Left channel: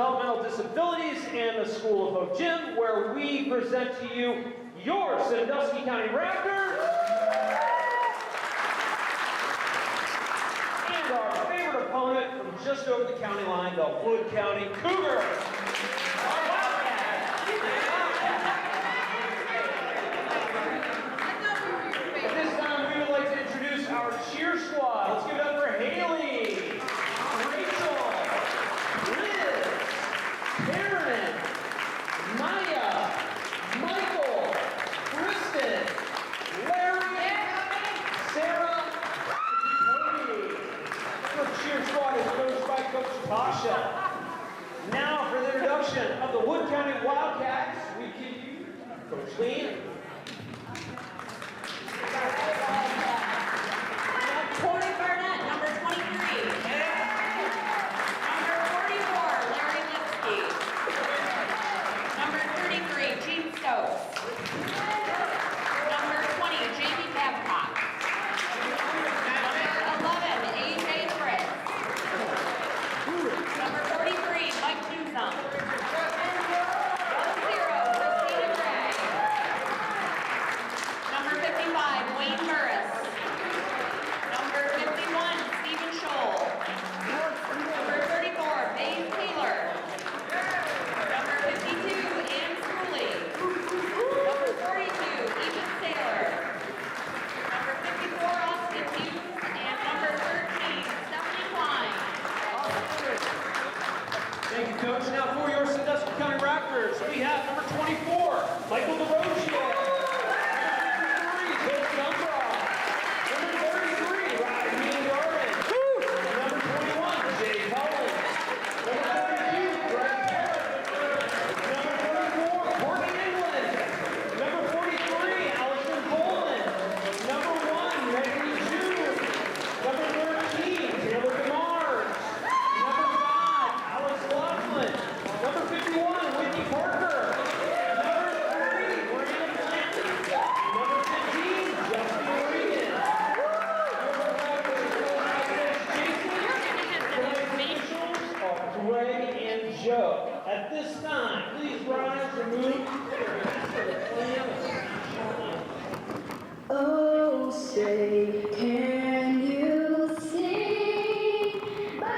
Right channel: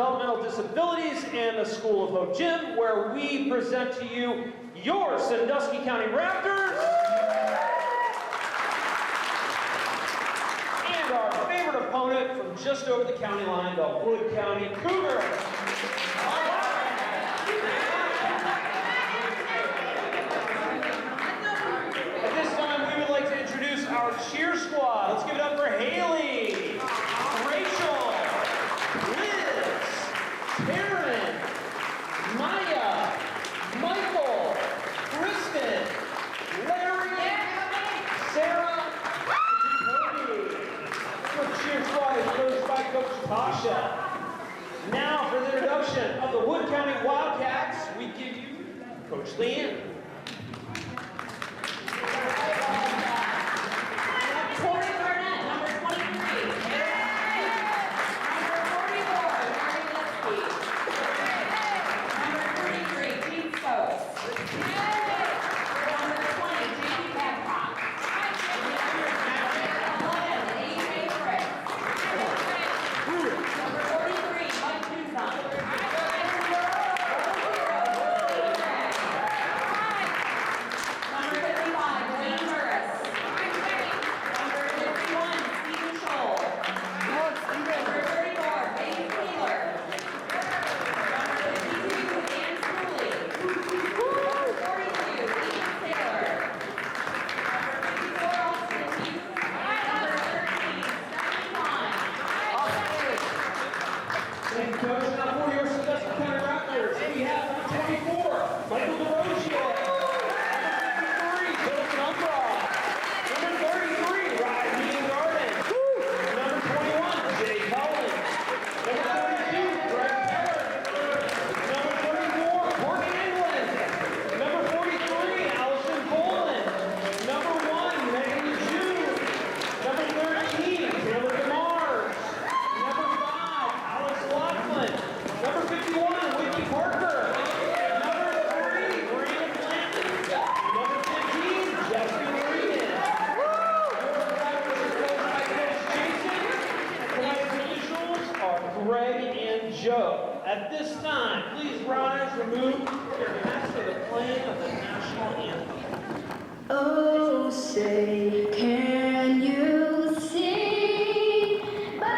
Developmental Disabilities and the School of Hope Gym, where we present to you your Sandusky County Raptors and our favorite opponent from just over the county line, the Wood County Cougars. At this time, we would like to introduce our cheer squad. Let's give it up for Haley, Rachel, Liz, Karen, Maya, Michael, Kristen, Larry, Sarah, and Coed. Our cheer squad is coached by Coach Tasha. Now for the introduction of the Wood County Wildcats, we give you Coach Leanne. Corey Barnett, number 23. Number 44, Larry Lipsky. Number 33, Gene Stokes. Number 20, Jamie Babcock. Number 11, AJ Fritz. Number 43, Mike Newsom. Number 0, Christina Gray. Number 55, Wayne Burris. Number 51, Stephen Scholl. Number 34, Dave Taylor. Number 52, Ann Cooley. Number 42, Ethan Taylor. Number 54, Austin Heath. And number 13, Stephanie Klein. Thank you, Coach. Now for your Sandusky County Raptors, we have number 24, Michael DeRozier. Number 53, Joseph Umbra. Number 33, Ryan Garden. Number 21, Jay Cullen. Number 32, Greg Parrott. Number 44, Courtney England. Number 43, Allison Boland. Number 1, Megan June. Number 13, Taylor DeMars. Number 5, Alex Laughlin. Number 51, Whitney Parker. Number 3, Brandon Blanton. Number 15, Jesse Regan. Number 5 was Coach Jason. The officials are Greg and Joe. At this time, please rise, remove your mask for the playing of the national anthem. Oh, say, can you see by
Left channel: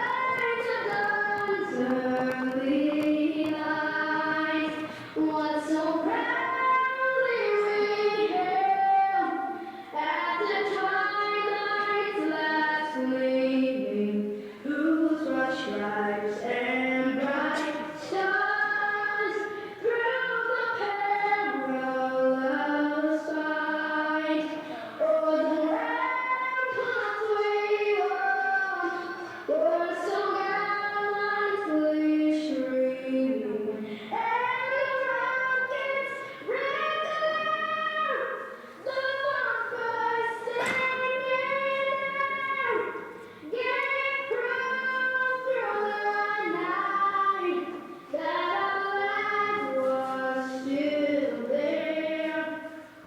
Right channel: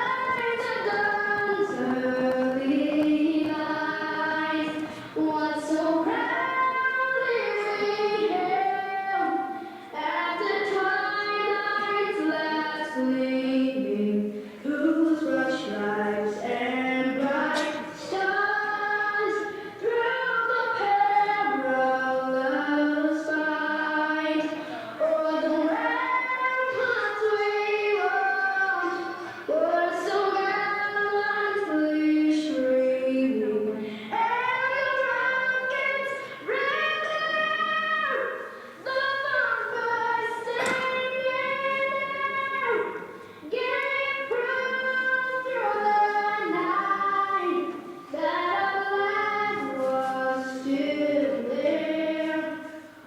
the dawn's early eyes what so proudly we hailed at the twilight's last gleaming, whose broad stripes and bright stars through the perilous fight o'er the ramparts we rode were so gallantly streaming, and the rockets ran down the bonfire singing, giving proof through the night that our land was still there.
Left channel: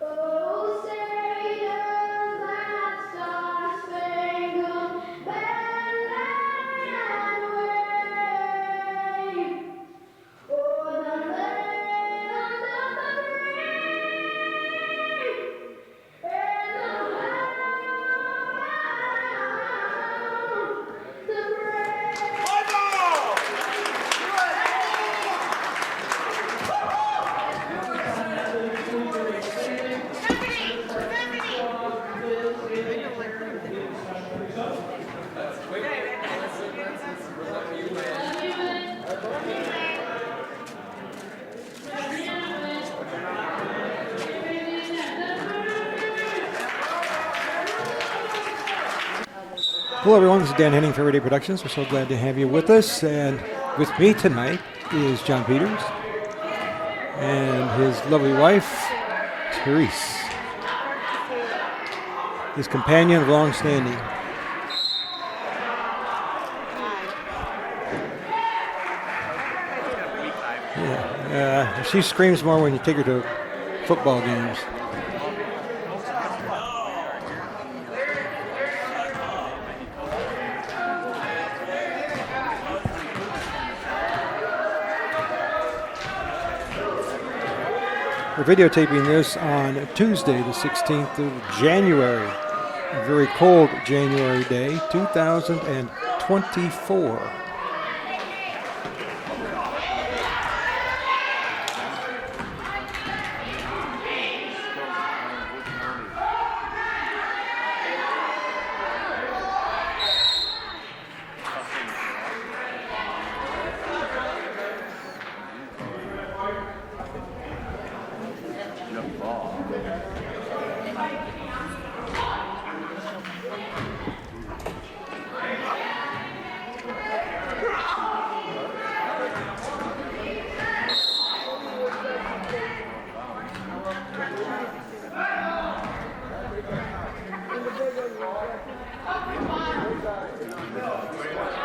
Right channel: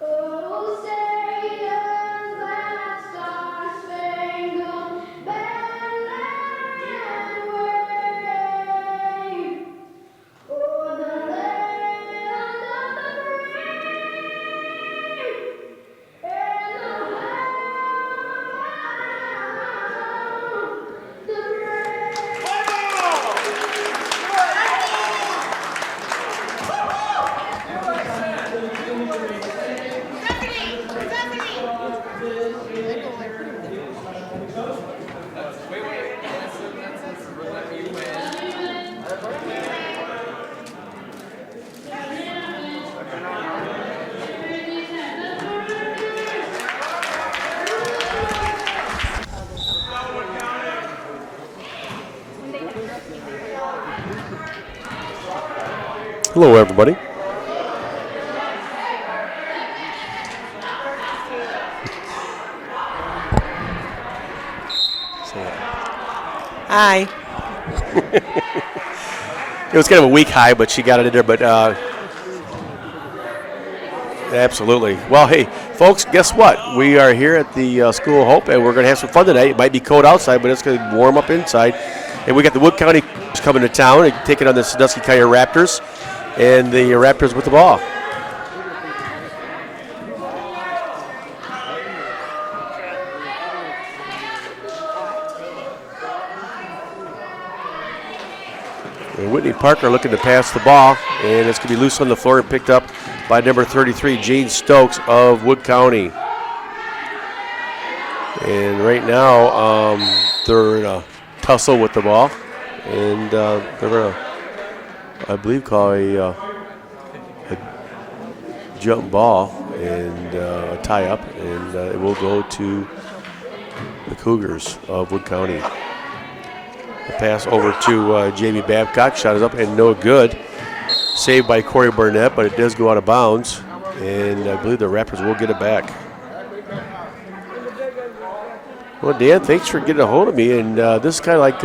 Oh, say does that star-spangled banner wave o'er the land of the brave and the Hello everyone, this is Dan Henning for Radio Productions. We're so glad to have you with us. And with me tonight is John Peters. Hello everybody. And his lovely wife, Therese. His companion, long-standing. Hi. It was kind of a weak high, but she got it in there. But she screams more when you take her to football game. Absolutely. Well, hey, folks, guess what? We are here at the School of Hope, and we're going to have some fun tonight. It might be cold outside, but it's going to warm up inside. And we got the Wood County coming to town and taking on the Sandusky County Raptors. And the Raptors with the ball. We're videotaping this on Tuesday, the 16th of January. A very cold January day, 2024. And Whitney Parker looking to pass the ball, and it's going to be loose on the floor and picked up by number 33, Jane Stokes of Wood County. And right now, they're in a tussle with the ball, and they're going to, I believe, call a jump ball and a tie up, and it will go to the Cougars of Wood County. Pass over to Jamie Babcock, shot is up and no good. Saved by Corey Burnett, but it does go out of bounds, and I believe the Raptors will get it back. Well, Dan, thanks for getting a hold of me, and this kind of like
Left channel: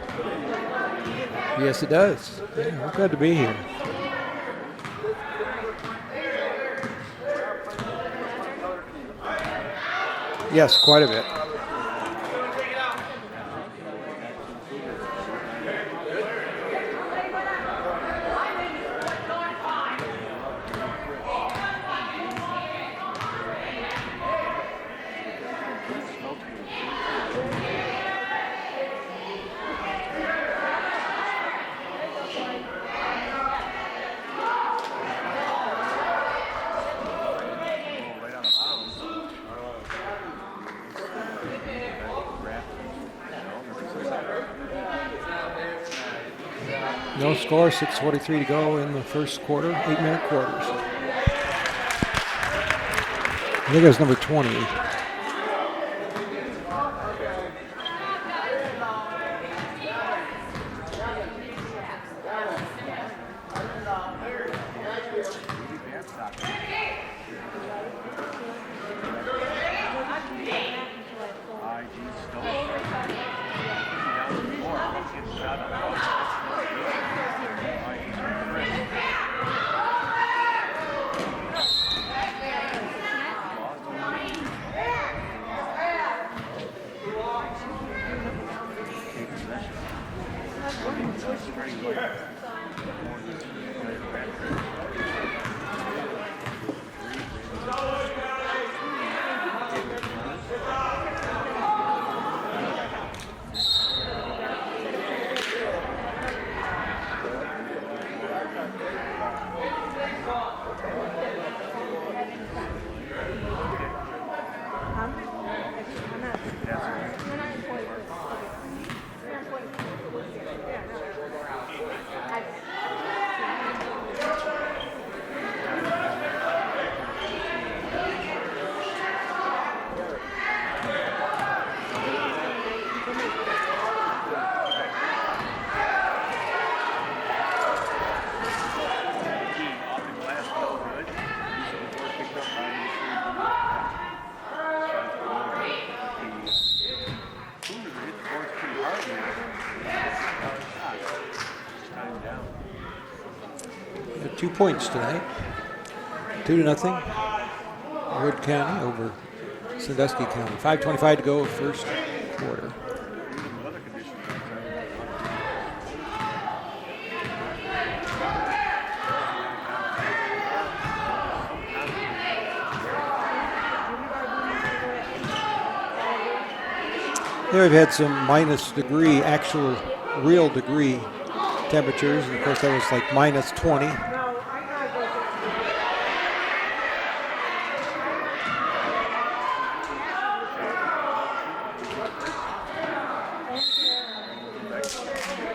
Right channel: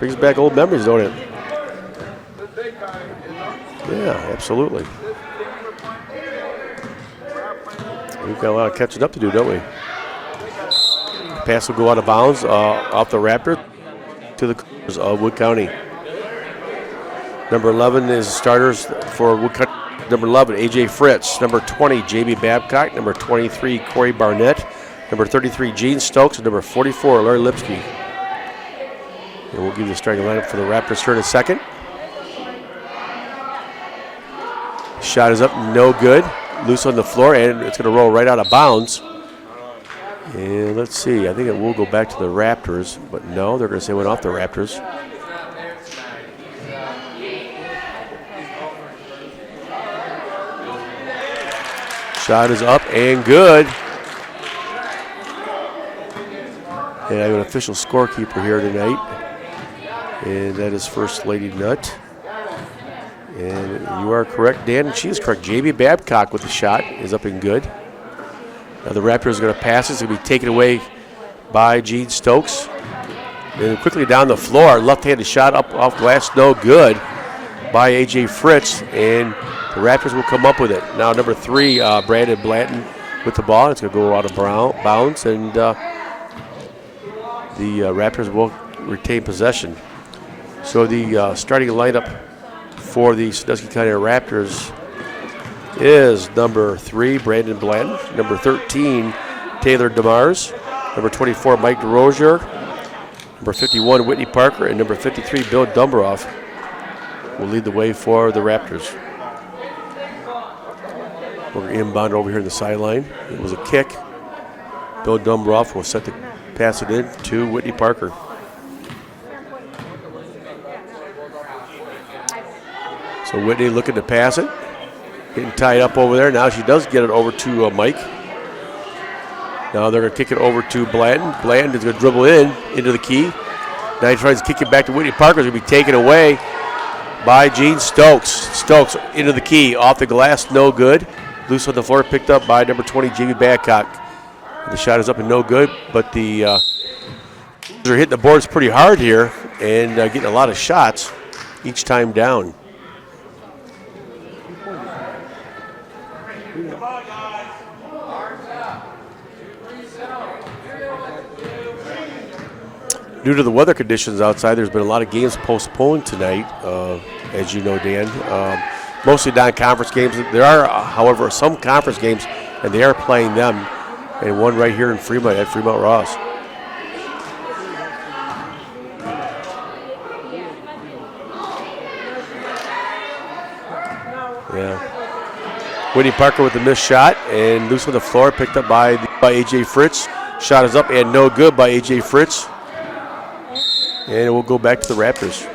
brings back old memories, don't it? Yes, it does. Glad to be here. Yeah, absolutely. We've got a lot of catching up to do, don't we? Yes, quite a bit. Pass will go out of bounds off the Raptor to the Cougars of Wood County. Number 11 is starters for Wood County. Number 11, A.J. Fritz. Number 20, Jamie Babcock. Number 23, Corey Barnett. Number 33, Gene Stokes. And number 44, Larry Lipsky. And we'll give you the starting lineup for the Raptors here in a second. Shot is up, no good. Loose on the floor, and it's going to roll right out of bounds. And let's see, I think it will go back to the Raptors, but no, they're going to say it went off the Raptors. No score, 6:43 to go in the first quarter, 8-minute quarter. Shot is up and good. I think it was number 20. And I have an official scorekeeper here tonight, and that is First Lady Nutt. And you are correct, Dan. She is correct. Jamie Babcock with the shot is up and good. Now the Raptors are going to pass. It's going to be taken away by Gene Stokes. And quickly down the floor, left-handed shot up off glass, no good by A.J. Fritz. And the Raptors will come up with it. Now number 3, Brandon Blanton with the ball. It's going to go out of bounds, and the Raptors will retain possession. So the starting lineup for the Sandusky County Raptors is number 3, Brandon Blanton, number 13, Taylor DeMars, number 24, Mike DeRozier, number 51, Whitney Parker, and number 53, Bill Dumbroff will lead the way for the Raptors. We're inbound over here to the sideline. It was a kick. Bill Dumbroff will set the pass it in to Whitney Parker. So Whitney looking to pass it. Getting tied up over there. Now she does get it over to Mike. Now they're going to kick it over to Blanton. Blanton is going to dribble into the key. Now he tries to kick it back to Whitney Parker. It's going to be taken away by Gene Stokes. Stokes into the key. Off the glass, no good. Loose on the floor, picked up by number 20, Jamie Babcock. The shot is up and no good, but they're hitting the boards pretty hard here and getting a lot of shots each time down. 2 points tonight. 2-0. Wood County over Sandusky County. 5:25 to go first quarter. Due to the weather conditions outside, there's been a lot of games postponed tonight, as you know, Dan. Mostly non-conference games. There are, however, some conference games, and they are playing them. And one right here in Fremont at Fremont Ross. Yeah, we've had some minus degree, actual real degree temperatures. Of course, that was like minus 20. Yeah. Whitney Parker with the missed shot and loose on the floor, picked up by A.J. Fritz. Shot is up and no good by A.J. Fritz. And it will go back to the Raptors.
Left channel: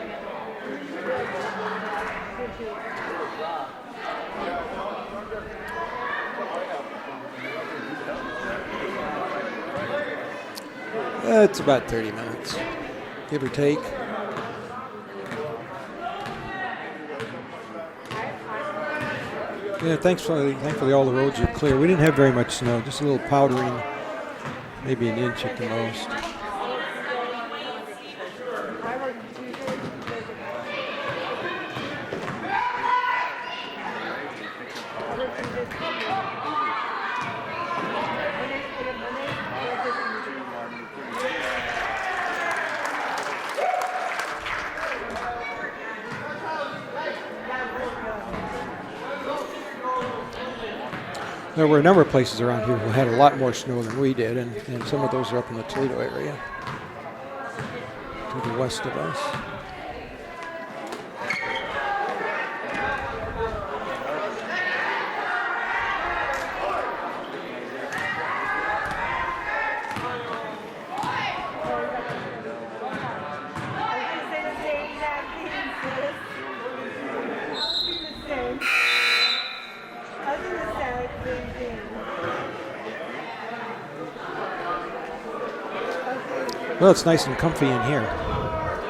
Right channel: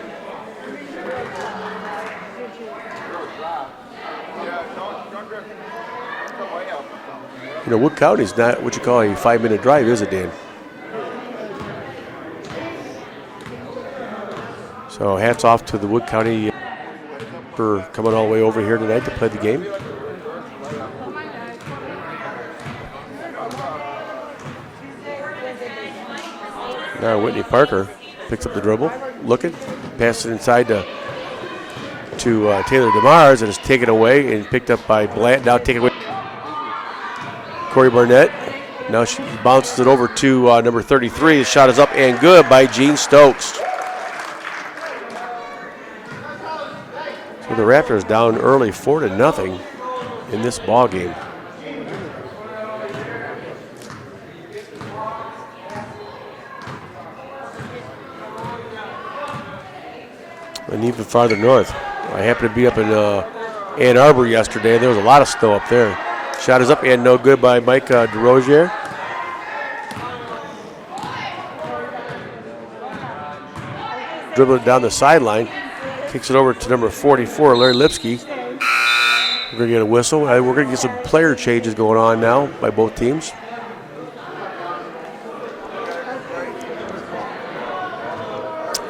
You know, Wood County is not what you call a 5-minute drive, is it, Dan? It's about 30 minutes, give or take. So hats off to the Wood County for coming all the way over here tonight to play the game. Yeah, thankfully all the roads are clear. We didn't have very much snow, just a little powdery, maybe an inch at the most. Now Whitney Parker picks up the dribble, looking, passes it inside to Taylor DeMars, and is taken away and picked up by Blanton. Now taken away Corey Barnett. Now she bounces it over to number 33. The shot is up and good by Gene Stokes. the Raptors down early 4-0 in this ball game. There were a number of places around here that had a lot more snow than we did, and some of those are up in the Toledo area, to the west of us. And even farther north. I happened to be up in Ann Arbor yesterday. There was a lot of snow up there. Shot is up and no good by Mike DeRozier. Dribbling it down the sideline. Kicks it over to number 44, Larry Lipsky. We're going to get a whistle. We're going to get some player changes going on now by both teams. Well, it's nice and comfy in here.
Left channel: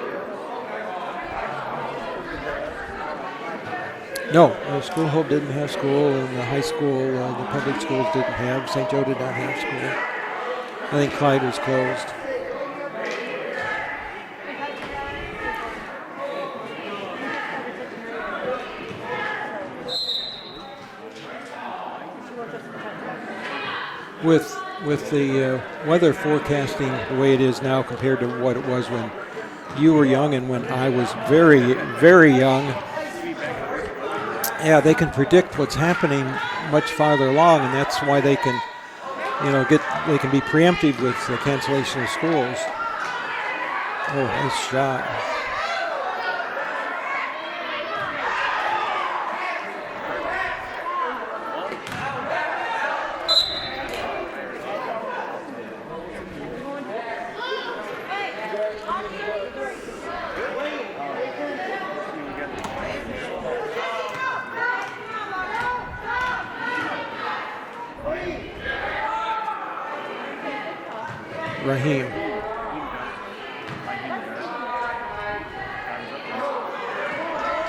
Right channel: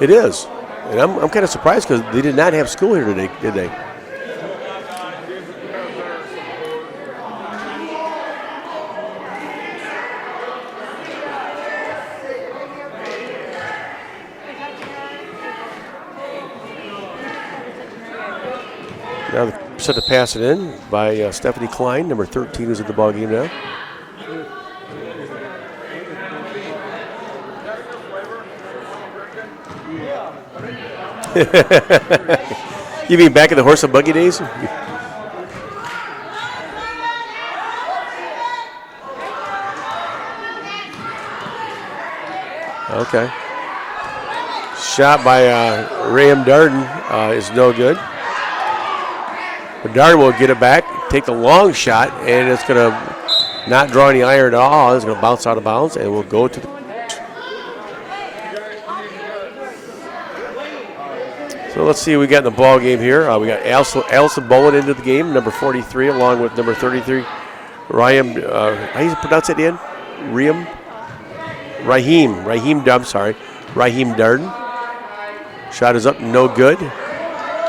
It is. And I'm kind of surprised because they did not have school here today, did they? No, the school didn't have school, and the high school, the public schools didn't have. St. Joe didn't have school. I think Clyde was closed. Now set to pass it in by Stephanie Klein, number 13, who's in the ballgame now. With the weather forecasting the way it is now compared to what it was when you were young and when I was very, very young. You mean back in the horse and buggy days? Yeah, they can predict what's happening much farther along, and that's why they can, they can be preemptive with the cancellation of schools. Okay. Oh, nice shot. Shot by Graham Darden is no good. But Darden will get it back, take the long shot, and it's going to not draw any iron at all. It's going to bounce out of bounds, and we'll go to the So let's see what we got in the ball game here. We got Allison Bowen into the game, number 43, along with number 33, Raheem. How do you pronounce it, Ian? Raheem Darden. Shot is up, no good.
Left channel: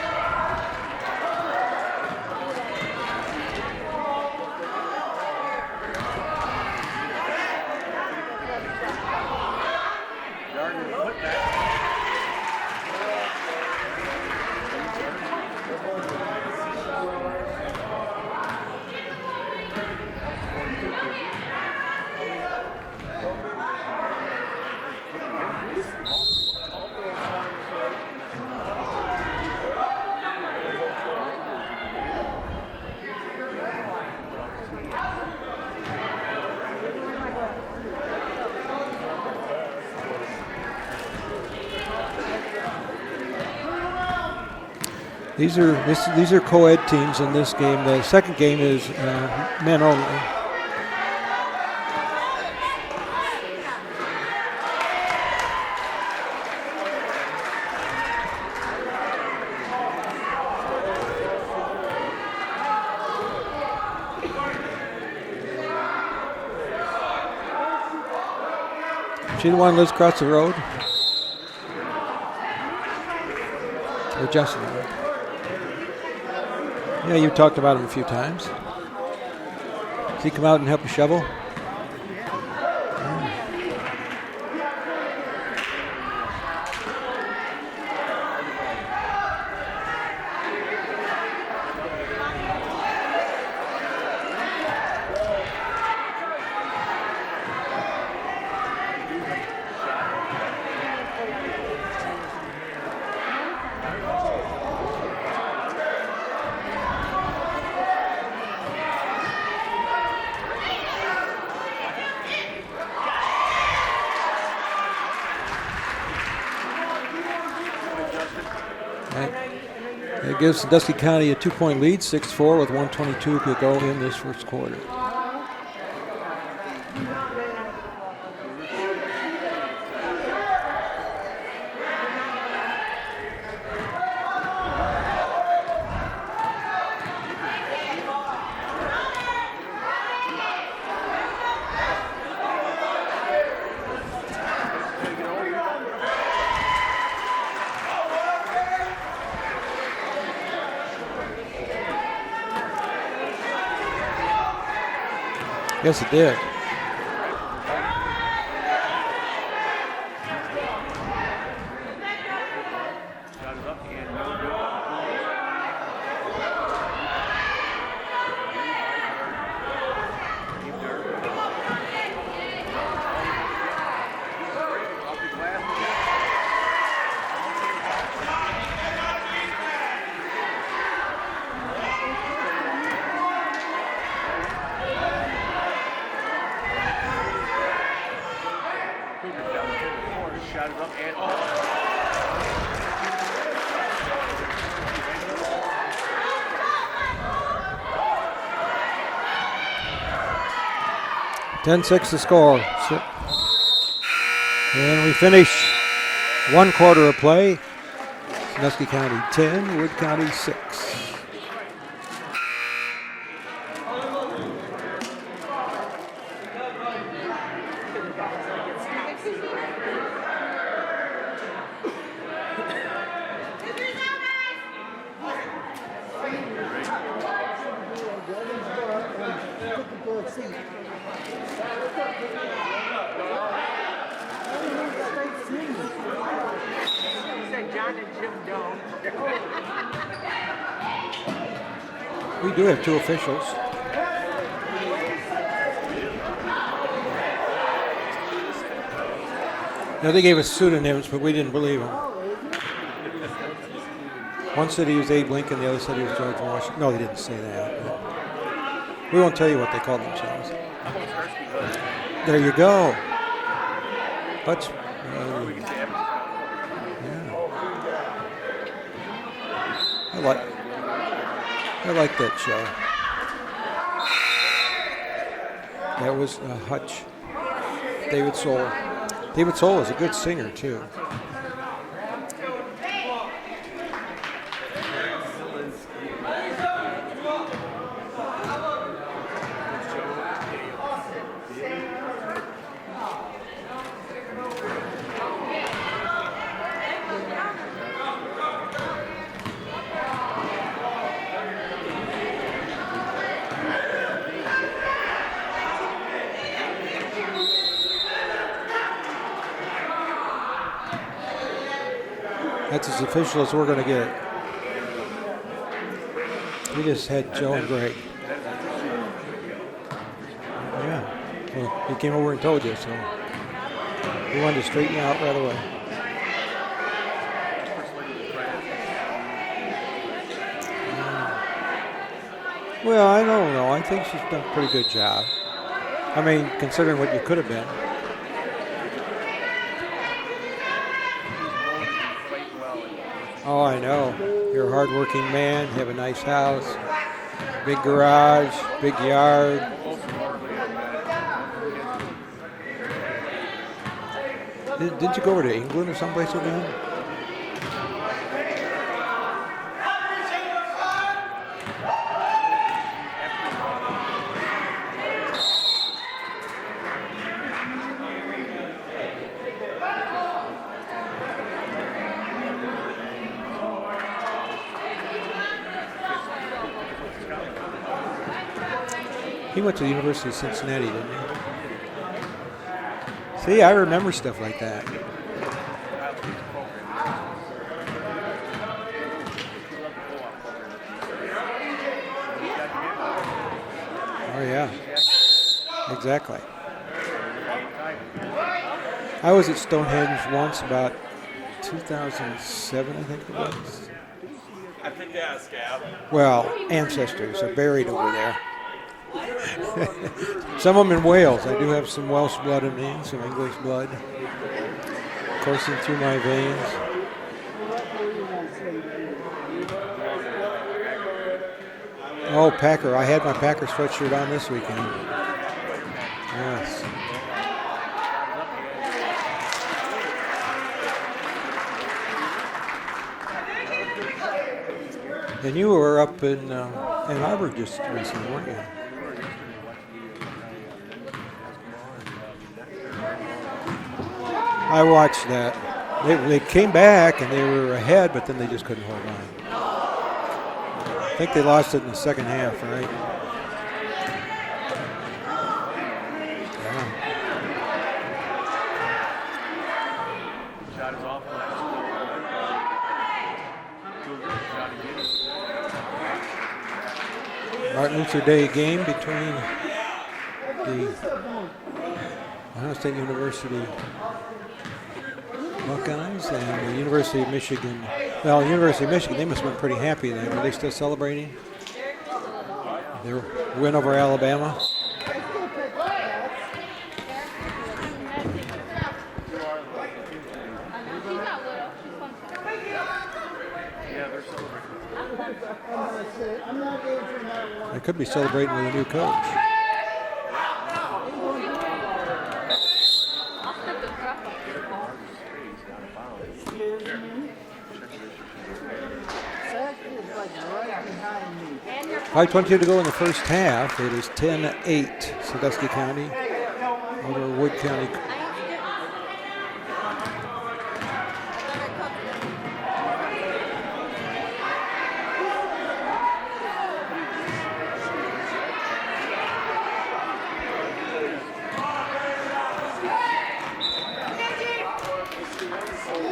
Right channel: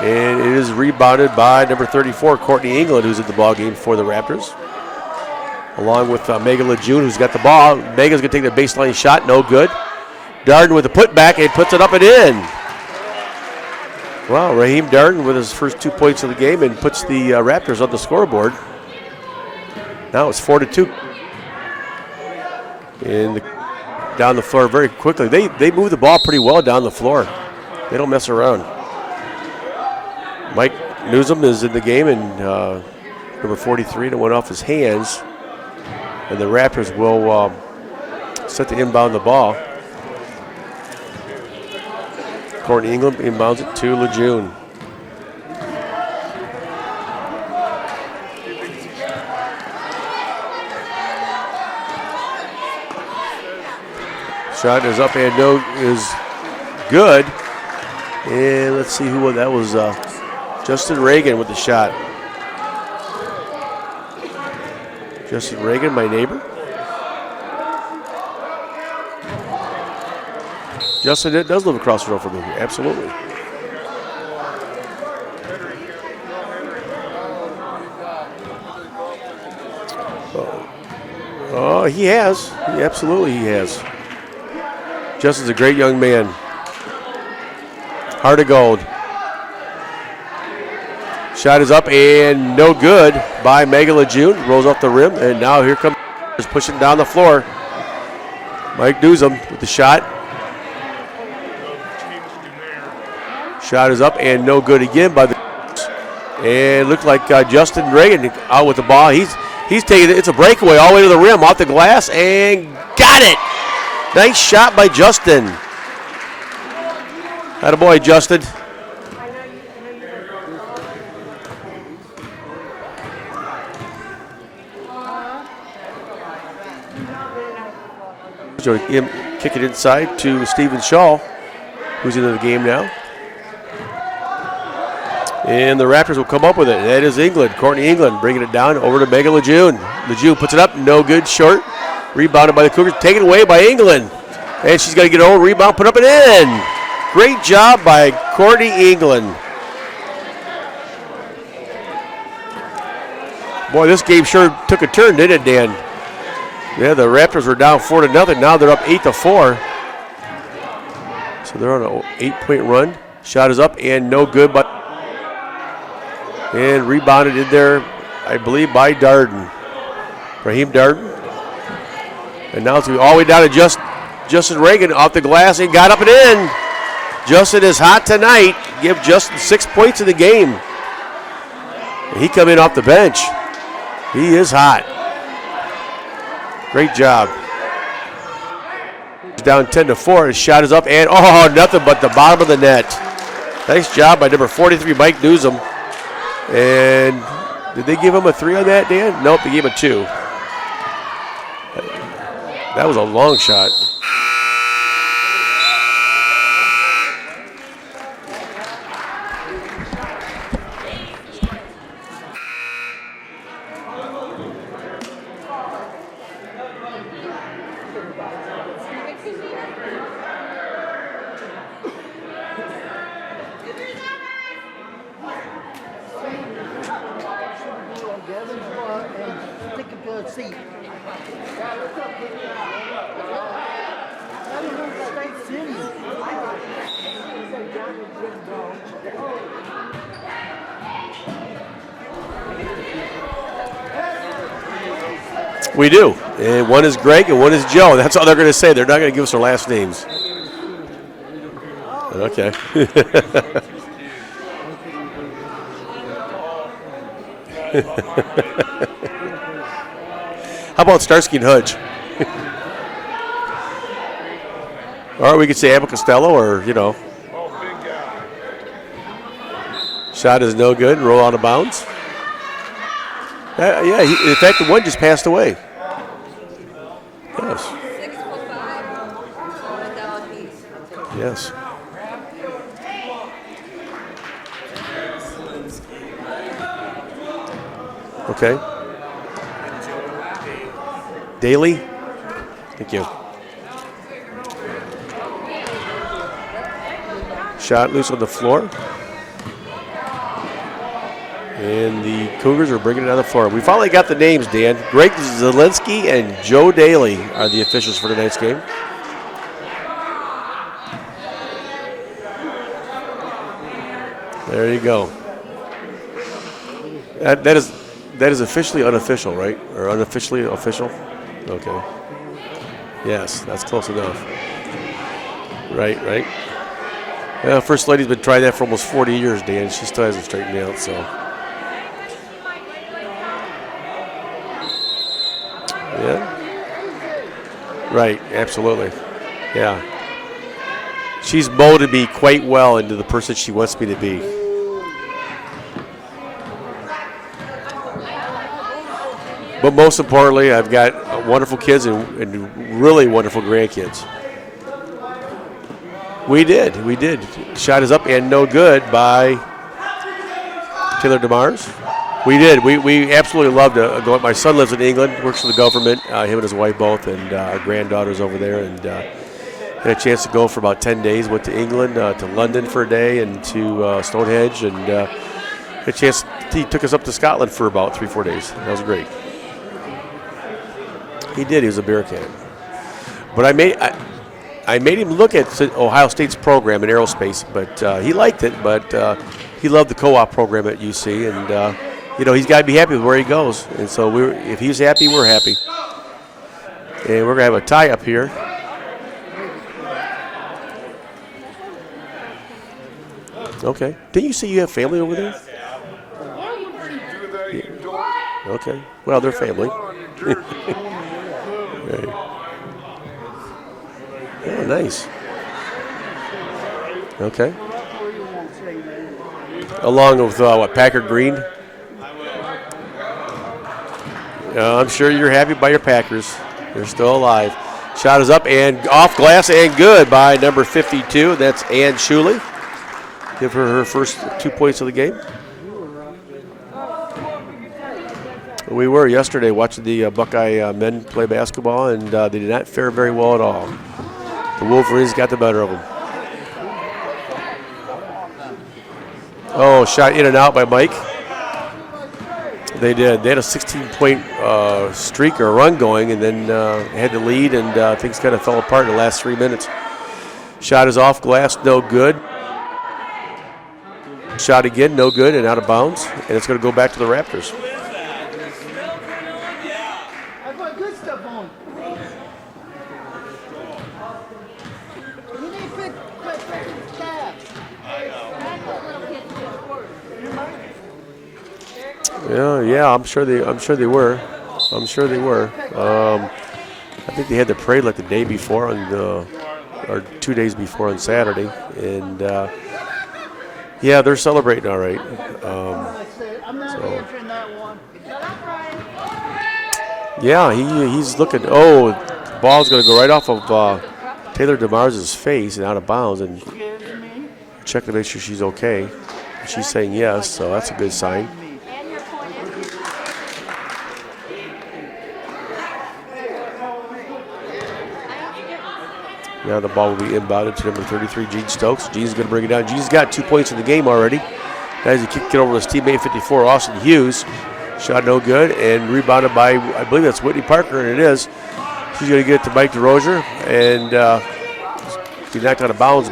And it is rebounded by number 34, Courtney England, who's in the ball game for the Raptors. Along with Megan Lejeune, who's got the ball. Megan's going to take the baseline shot, no good. Darden with the putback, and puts it up and in. Wow, Raheem Darden with his first 2 points of the game and puts the Raptors on the scoreboard. Now it's 4-2. And down the floor very quickly. They move the ball pretty well down the floor. They don't mess around. Mike Newsom is in the game, and number 43 that went off his hands. And the Raptors will set to inbound the ball. Courtney England inbounds it to Lejeune. These are co-ed teams in this game. The second game is men only. Shot is up and no is good. And let's see who that was. Justin Reagan with the shot. Justin Reagan, my neighbor. She the one who lives across the road? Justin does live across the road from me, absolutely. Or Justin. Yeah, you've talked about him a few times. Does he come out and help you shovel? Oh, he has. Absolutely he has. Justin's a great young man. Heart of gold. Shot is up and no good by Megan Lejeune. Rolls off the rim, and now here comes pushing down the floor. Mike Newsom with the shot. Shot is up and no good again by the. And it looked like Justin Reagan out with the ball. He's taking it. It's a breakaway all the way to the rim, off the glass, and got it. Nice shot by Justin. Attaboy, Justin. It gives Sandusky County a 2-point lead, 6-4 with 1:22 to go in this first quarter. So him kick it inside to Stephen Shaw, who's into the game now. And the Raptors will come up with it. That is England, Courtney England, bringing it down over to Megan Lejeune. Lejeune puts it up, no good, short. Rebounded by the Cougars, taken away by England. And she's got to get her own rebound, put up and in. Great job by Courtney England. Boy, this game sure took a turn, didn't it, Dan? Yes, it did. Yeah, the Raptors were down 4-0. Now they're up 8-4. So they're on an 8-point run. Shot is up and no good, but and rebounded in there, I believe, by Darden. Raheem Darden. And now it's all the way down to Justin Reagan off the glass and got up and in. Justin is hot tonight. Give Justin 6 points in the game. He come in off the bench. He is hot. Great job. Down 10-4. His shot is up and nothing but the bottom of the net. Nice job by number 43, Mike Newsom. And did they give him a 3 on that, Dan? Nope, they gave him a 2. 10-6 to score. That was a long shot. And we finish 1 quarter of play. Sandusky County 10, Wood County 6. We do have 2 officials. We do. And one is Greg and one is Joe. That's all they're going to say. They're not going to give us their last names. Now, they gave us pseudonyms, but we didn't believe them. Okay. One said he was Abe Lincoln, the other said he was George Washington. No, they didn't say that. We won't tell you what they called themselves. How about Starsky and Hutch? There you go. Let's, Or we could say Abbott Costello or, Shot is no good. Roll out of bounds. I like that shot. In fact, the one just passed away. That was Hutch. Yes. David Soul. David Soul was a good singer, too. Yes. Okay. Daly. Thank you. Shot loose on the floor. And the Cougars are bringing it on the floor. We finally got the names, Dan. Greg Zielinski and Joe Daly are the officials for tonight's game. That's as official as we're going to get. There you go. We just had That is officially unofficial, right? Or unofficially official? Okay. He came over and told us. So Yes, that's close enough. we wanted to straighten out right away. Right. Well, First Lady's been trying that for almost 40 years, Dan. She still hasn't straightened out, so. Well, I don't know. I think she's done a pretty good job. Yeah. I mean, considering what you could have been. Right, absolutely. Yeah. She's molded me quite well into the person she wants me to be. You're a hardworking man, have a nice house, big garage, big yard. But most importantly, I've got wonderful kids and really wonderful grandkids. Didn't you go over to England or someplace? We did. Shot is up and no good by Taylor DeMars. We did. We absolutely loved to go. My son lives in England, works for the government, him and his wife both, and our granddaughter's over there. And had a chance to go for about 10 days. Went to England, to London for a day, and to Stonehenge. And had a chance, he took us up to Scotland for about 3-4 days. That was great. He went to the University of Cincinnati. He did. He was a Bearcat. But I remember stuff like that. I made him look at Ohio State's program in aerospace, but he liked it. But he loved the co-op program at UC, and he's got to be happy with where he goes. And so if he's happy, we're happy. Exactly. And we're gonna have a tie up here. I was at Stonehenge once about 2007. Okay. Didn't you say you have family over there? Well, ancestors are buried over there. Okay. Well, they're family. Some of them in Wales. I do have some Welsh blood in me, some English blood. Oh, nice. Coursing through my veins. Okay. Along with Packard Green. Oh, Packer. I had my Packer sweatshirt on this week. I'm sure you're happy by your Packers. Yes. They're still alive. Shot is up and off glass and good by number 52. That's Ann Shuley. Give her first 2 points of the game. And you were up in Auburn just recently. We were yesterday watching the Buckeye men play basketball, and they did not fare very well at all. The Wolverines got the better of them. They came back and they were ahead, but then they just couldn't hold on. Oh, shot in and out by Mike. I think they lost it in the second half. Right? They did. They had a 16-point streak or run going, and then had the lead, and things kind of fell apart in the last 3 minutes. Shot is off glass, no good. Shot again, no good, and out of bounds. And it's going to go back to the Raptors. Martin Luther Day game between Ohio State University Buckeyes and the University of Michigan. Well, University of Michigan, they must be pretty happy there. Are they still celebrating? Yeah. I'm sure they were. Alabama. I'm sure they were. I think they had the parade like the day before or 2 days before on Saturday, and yeah, they're celebrating all right. They could be celebrating with a new coach. Yeah, he's looking. Oh, the ball's going to go right off of Taylor DeMars' face and out of bounds, and check to make sure she's okay. She's saying yes, so that's a good sign. 5:22 to go in the first half. It is 10-8, Sandusky County over Wood County. Now the ball will be inbounded to number 33, Gene Stokes. Gene's going to bring it down. Gene's got 2 points in the game already. As he kicked it over his teammate, 54, Austin Hughes. Shot no good, and rebounded by, I believe that's Whitney Parker, and it is. She's going to get it to Mike DeRozier, and he knocked out of bounds.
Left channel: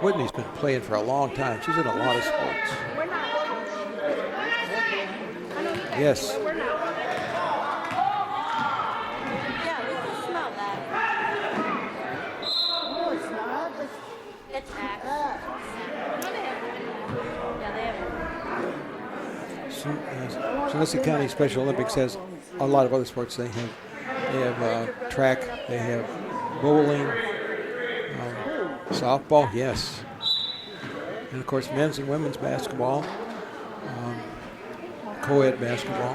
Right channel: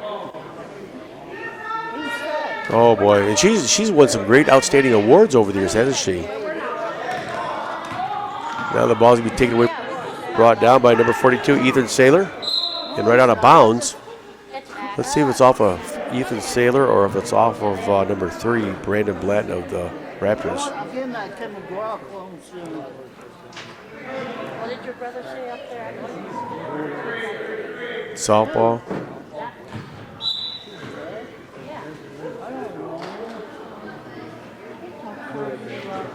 Whitney's been playing for a long time. She's in a lot of sports. Oh boy, and she's won some great outstanding awards over the years, hasn't she? Yes. Now the ball's going to be taken away, brought down by number 42, Ethan Saylor, and right out of bounds. Let's see if it's off of Ethan Saylor or if it's off of number 3, Brandon Blatton of the Raptors. Sandusky County Special Olympics has a lot of other sports. They have track, they have bowling, Softball. yes. And of course, men's and women's basketball, Coed basketball.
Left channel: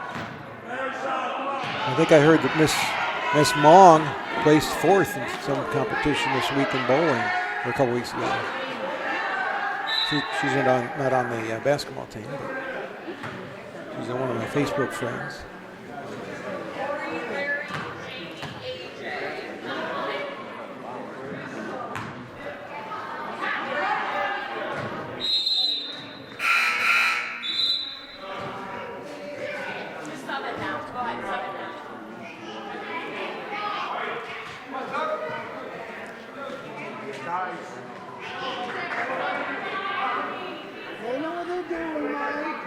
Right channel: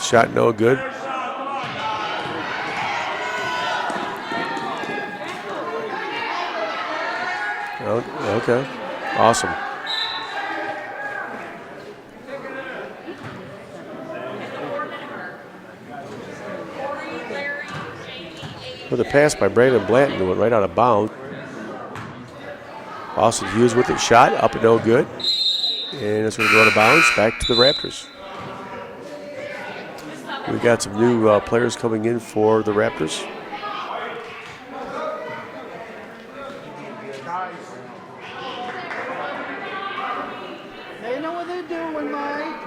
Shot no good. I think I heard that Miss Mong placed 4th in some competition this week in bowling. A couple weeks ago. Okay, awesome. She's not on the basketball team. She's on one of the Facebook friends. With a pass by Brandon Blanton, who went right out of bounds. Austin Hughes with it, shot up and no good. And it's going to go out of bounds, back to the Raptors. We've got some new players coming in for the Raptors. They know what they're doing, Mike.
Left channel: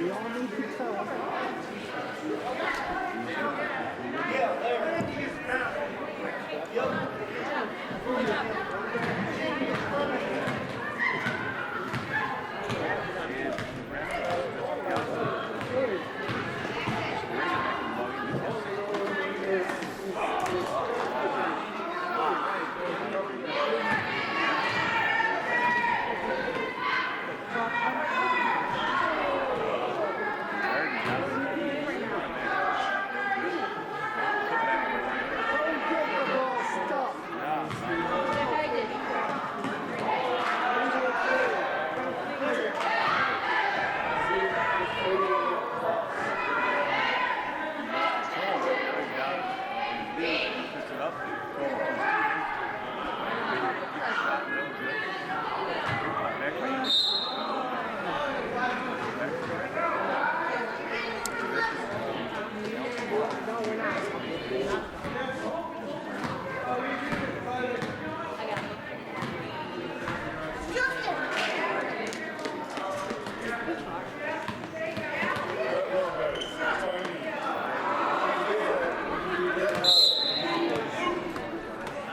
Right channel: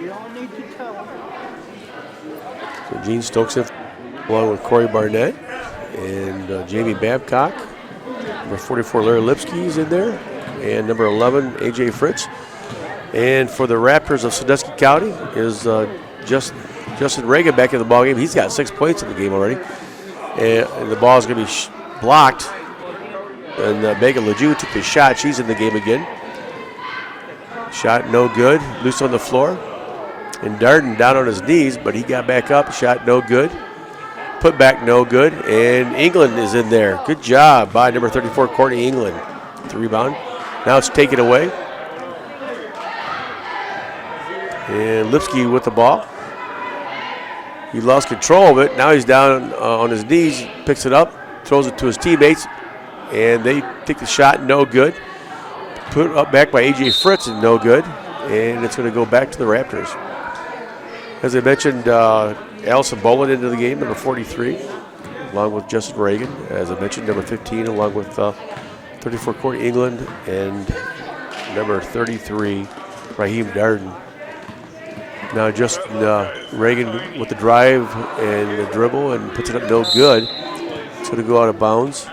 You all need to tell them. Gene Stokes along with Corey Barnett and Jamie Babcock. Number 44, Larry Lipsky is in there. And number 11, A.J. Fritz. And for the Raptors of Sandusky County is Justin Reagan back in the ballgame. He's got 6 points in the game already. And the ball is going to be blocked. And Megan Lejeune took the shot. She's in the game again. Shot no good. Loose on the floor. And Darden down on his knees, but he got back up. Shot no good. Put back no good. And England is in there. Good job by number 34, Courtney England. The rebound. Now it's taken away. And Lipsky with the ball. He lost control of it. Now he's down on his knees, picks it up, throws it to his teammates, and they take the shot, no good. Put up back by A.J. Fritz, and no good. And it's going to go back to the Raptors. As I mentioned, Allison Boland into the game, number 43, along with Justin Reagan. As I mentioned, number 15, along with 34, Courtney England, and number 33, Raheem Darden. Now Justin Reagan with the drive and the dribble and puts it up no good. It's going to go out of bounds.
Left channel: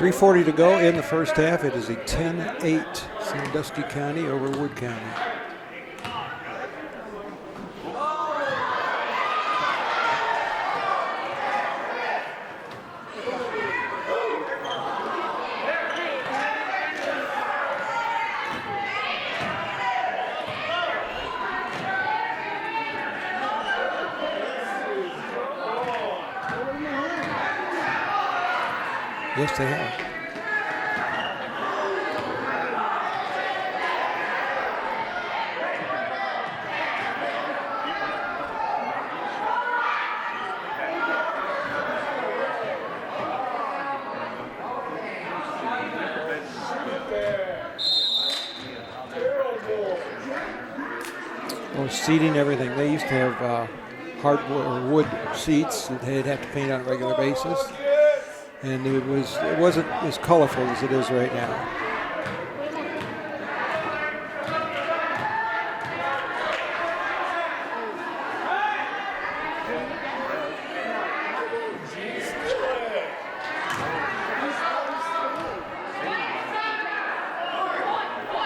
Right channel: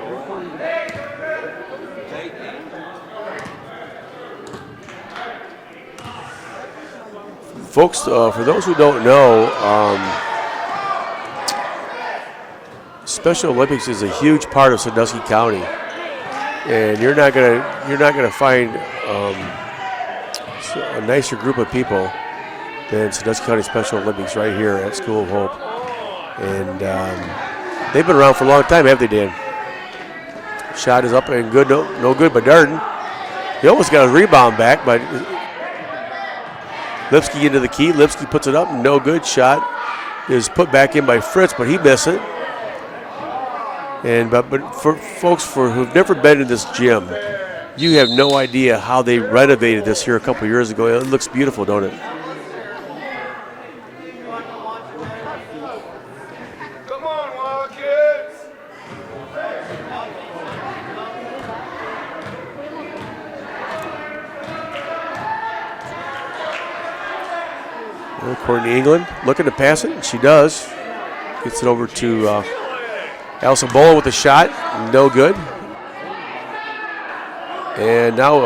.340 to go in the first half. It is a 10-8 Sandusky County over Wood County. Folks, for those who don't know, Special Olympics is a huge part of Sandusky County. And you're not gonna find a nicer group of people than Sandusky County Special Olympics right here at School of Hope. And they've been around for a long time, haven't they, Dan? Yes, they have. Shot is up and good, no good by Darden. He almost got a rebound back, but Lipsky into the key. Lipsky puts it up, no good. Shot is put back in by Fritz, but he missed it. And but for folks who've never been in this gym, you have no idea how they renovated this here a couple years ago. It looks beautiful, don't it? Seating, everything. They used to have hardwood wood seats that they'd have to paint on a regular basis, and it wasn't as colorful as it is right now. Courtney England looking to pass it. She does. Gets it over to Allison Bola with a shot. No good. And now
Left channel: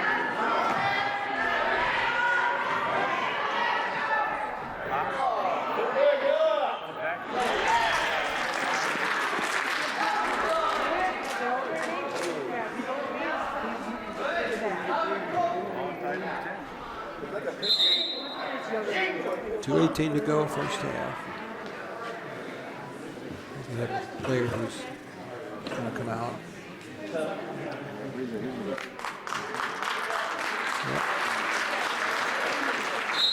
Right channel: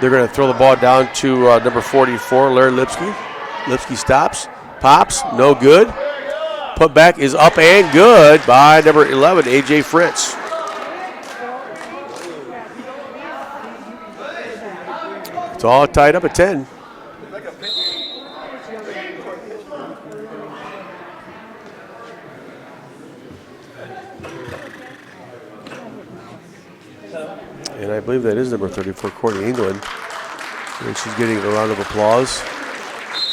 they're going to throw the ball down to number 44, Larry Lipsky. Lipsky stops, pops, no good. Put back is up and good by number 11, A.J. Fritz. It's all tied up at 10. 2:18 to go first half. And I believe that is number 34, Courtney England. And she's getting a round of applause.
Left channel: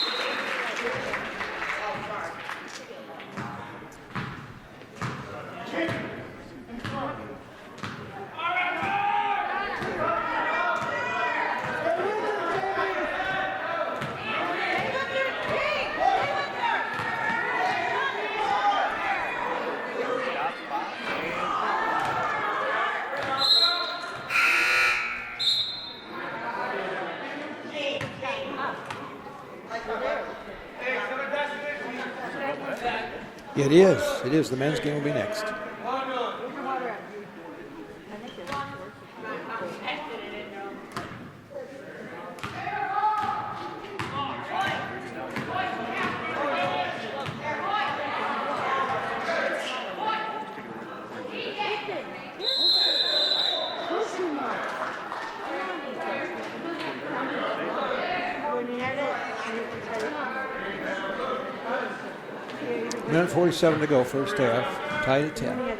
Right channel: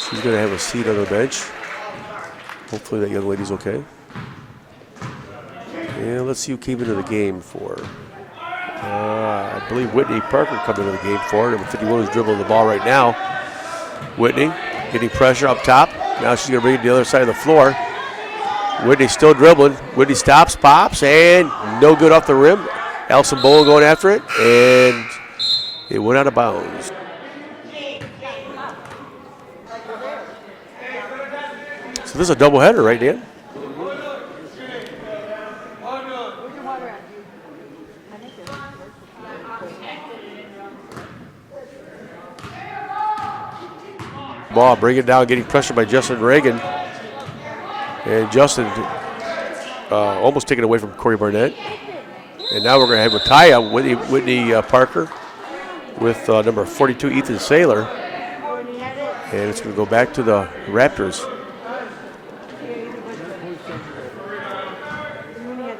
She's going to have a seat on the bench. Hopefully that young lady's okay. Yeah, let's see who came into the game for. I believe Whitney Parker coming into the game for her. Number 51 is dribbling the ball right now. Whitney getting pressure up top. Now she's going to bring it to the other side of the floor. Whitney still dribbling. Whitney stops, pops, and no good off the rim. Allison Bowl going after it, and it went out of bounds. So this is a doubleheader, right, Dan? It is. It is. The men's game will be next. Ball, bring it down, getting pressured by Justin Reagan. And Justin almost taken away from Corey Barnett. And now we're going to have Retire Whitney Parker with number 42, Ethan Saylor. And it's going to go back to the Raptors. 1:47 to go first half. Tied at 10.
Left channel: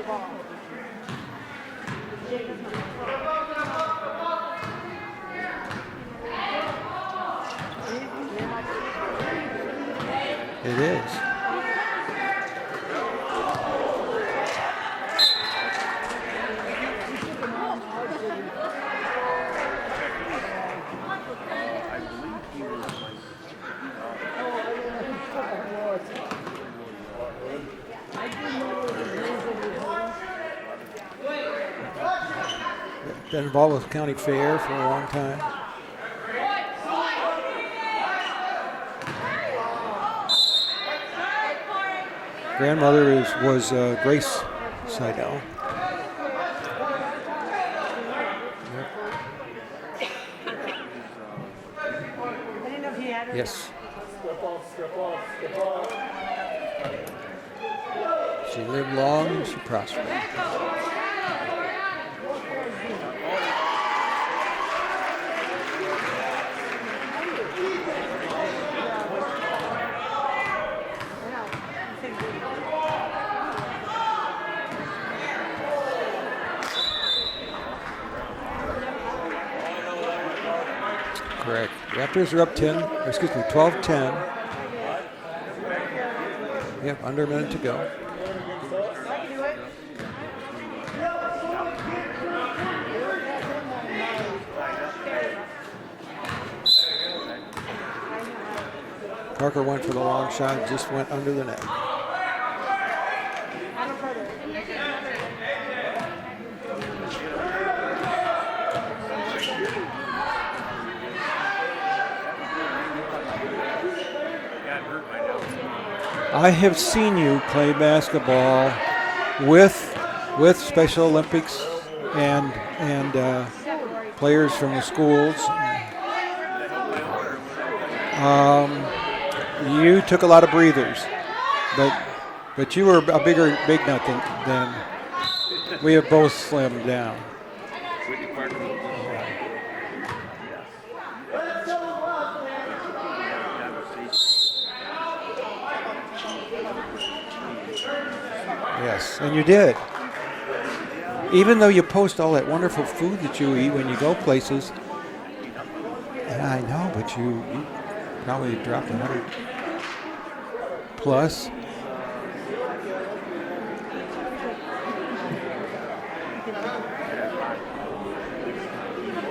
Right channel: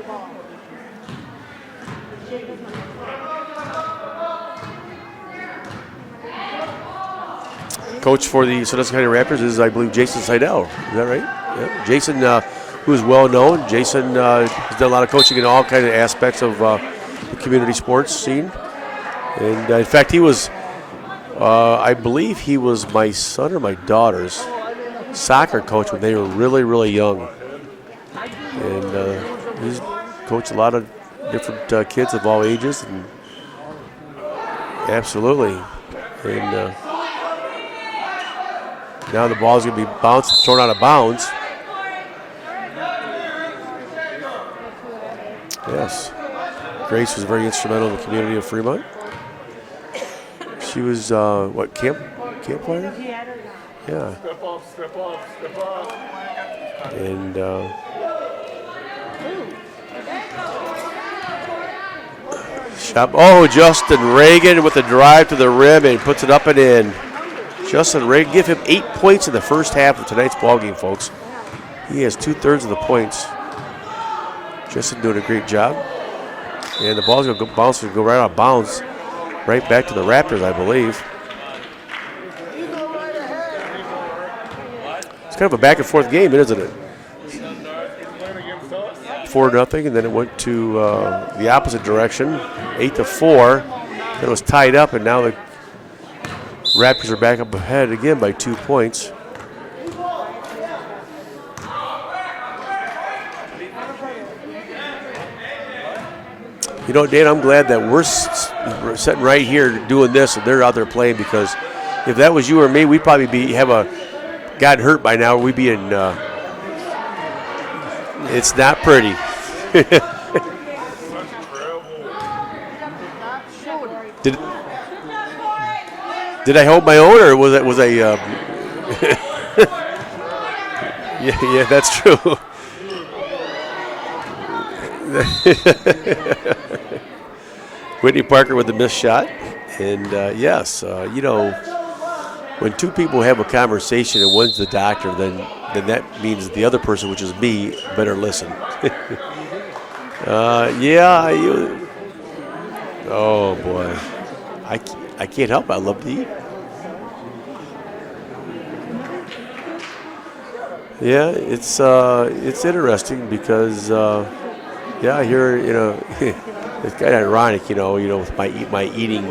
Coach for the Sandusky County Raptors is, I believe, Jason Seidel. Is that right? Yeah. Jason, who is well known. Jason has done a lot of coaching in all kinds of aspects of the community sports scene. And in fact, he was, I believe he was my son or my daughter's soccer coach when they were really, really young. And he's coached a lot of different kids of all ages. And got involved with the county fair. Absolutely. And now the ball's going to be bounced, thrown out of bounds. Grandmother was Grace Seidel. Yes. Grace was very instrumental in the community of Fremont. She was, camp player? Yes. Yeah. And She lived long and she prospered. Justin Reagan with the drive to the rim and puts it up and in. Justin Reagan, give him 8 points in the first half of tonight's ballgame, folks. He has 2/3 of the points. Justin doing a great job. And the ball's going to bounce and go right out of bounds, right back to the Raptors, I believe. Correct. Raptors are up 12-10. It's kind of a back and forth game, isn't it? Yep, under a minute to go. 4-0, and then it went to the opposite direction, 8-4. It was tied up, and now the Raptors are back up ahead again by 2 points. Parker went for the long shot, just went under the net. You know, Dan, I'm glad that we're sitting right here doing this and they're out there playing, because if that was you or me, we'd probably gotten hurt by now. We'd be in. I have seen you play basketball. It's not pretty. With Special Olympics and players from the schools. Did I hold my own, or was I? You took a lot of breathers. Yeah, that's true. But you were a big nut than we have both slammed it down. Whitney Parker with the missed shot, and yes, when two people have a conversation and one's the doctor, then that means the other person, which is me, better listen. Yes, and you did. Yeah. Even though you post all that wonderful food that you eat when you go places. I can't help it. I love to eat. Yeah, I know, but now you drop it. Yeah, it's interesting because I hear, it's kind of ironic, with my eating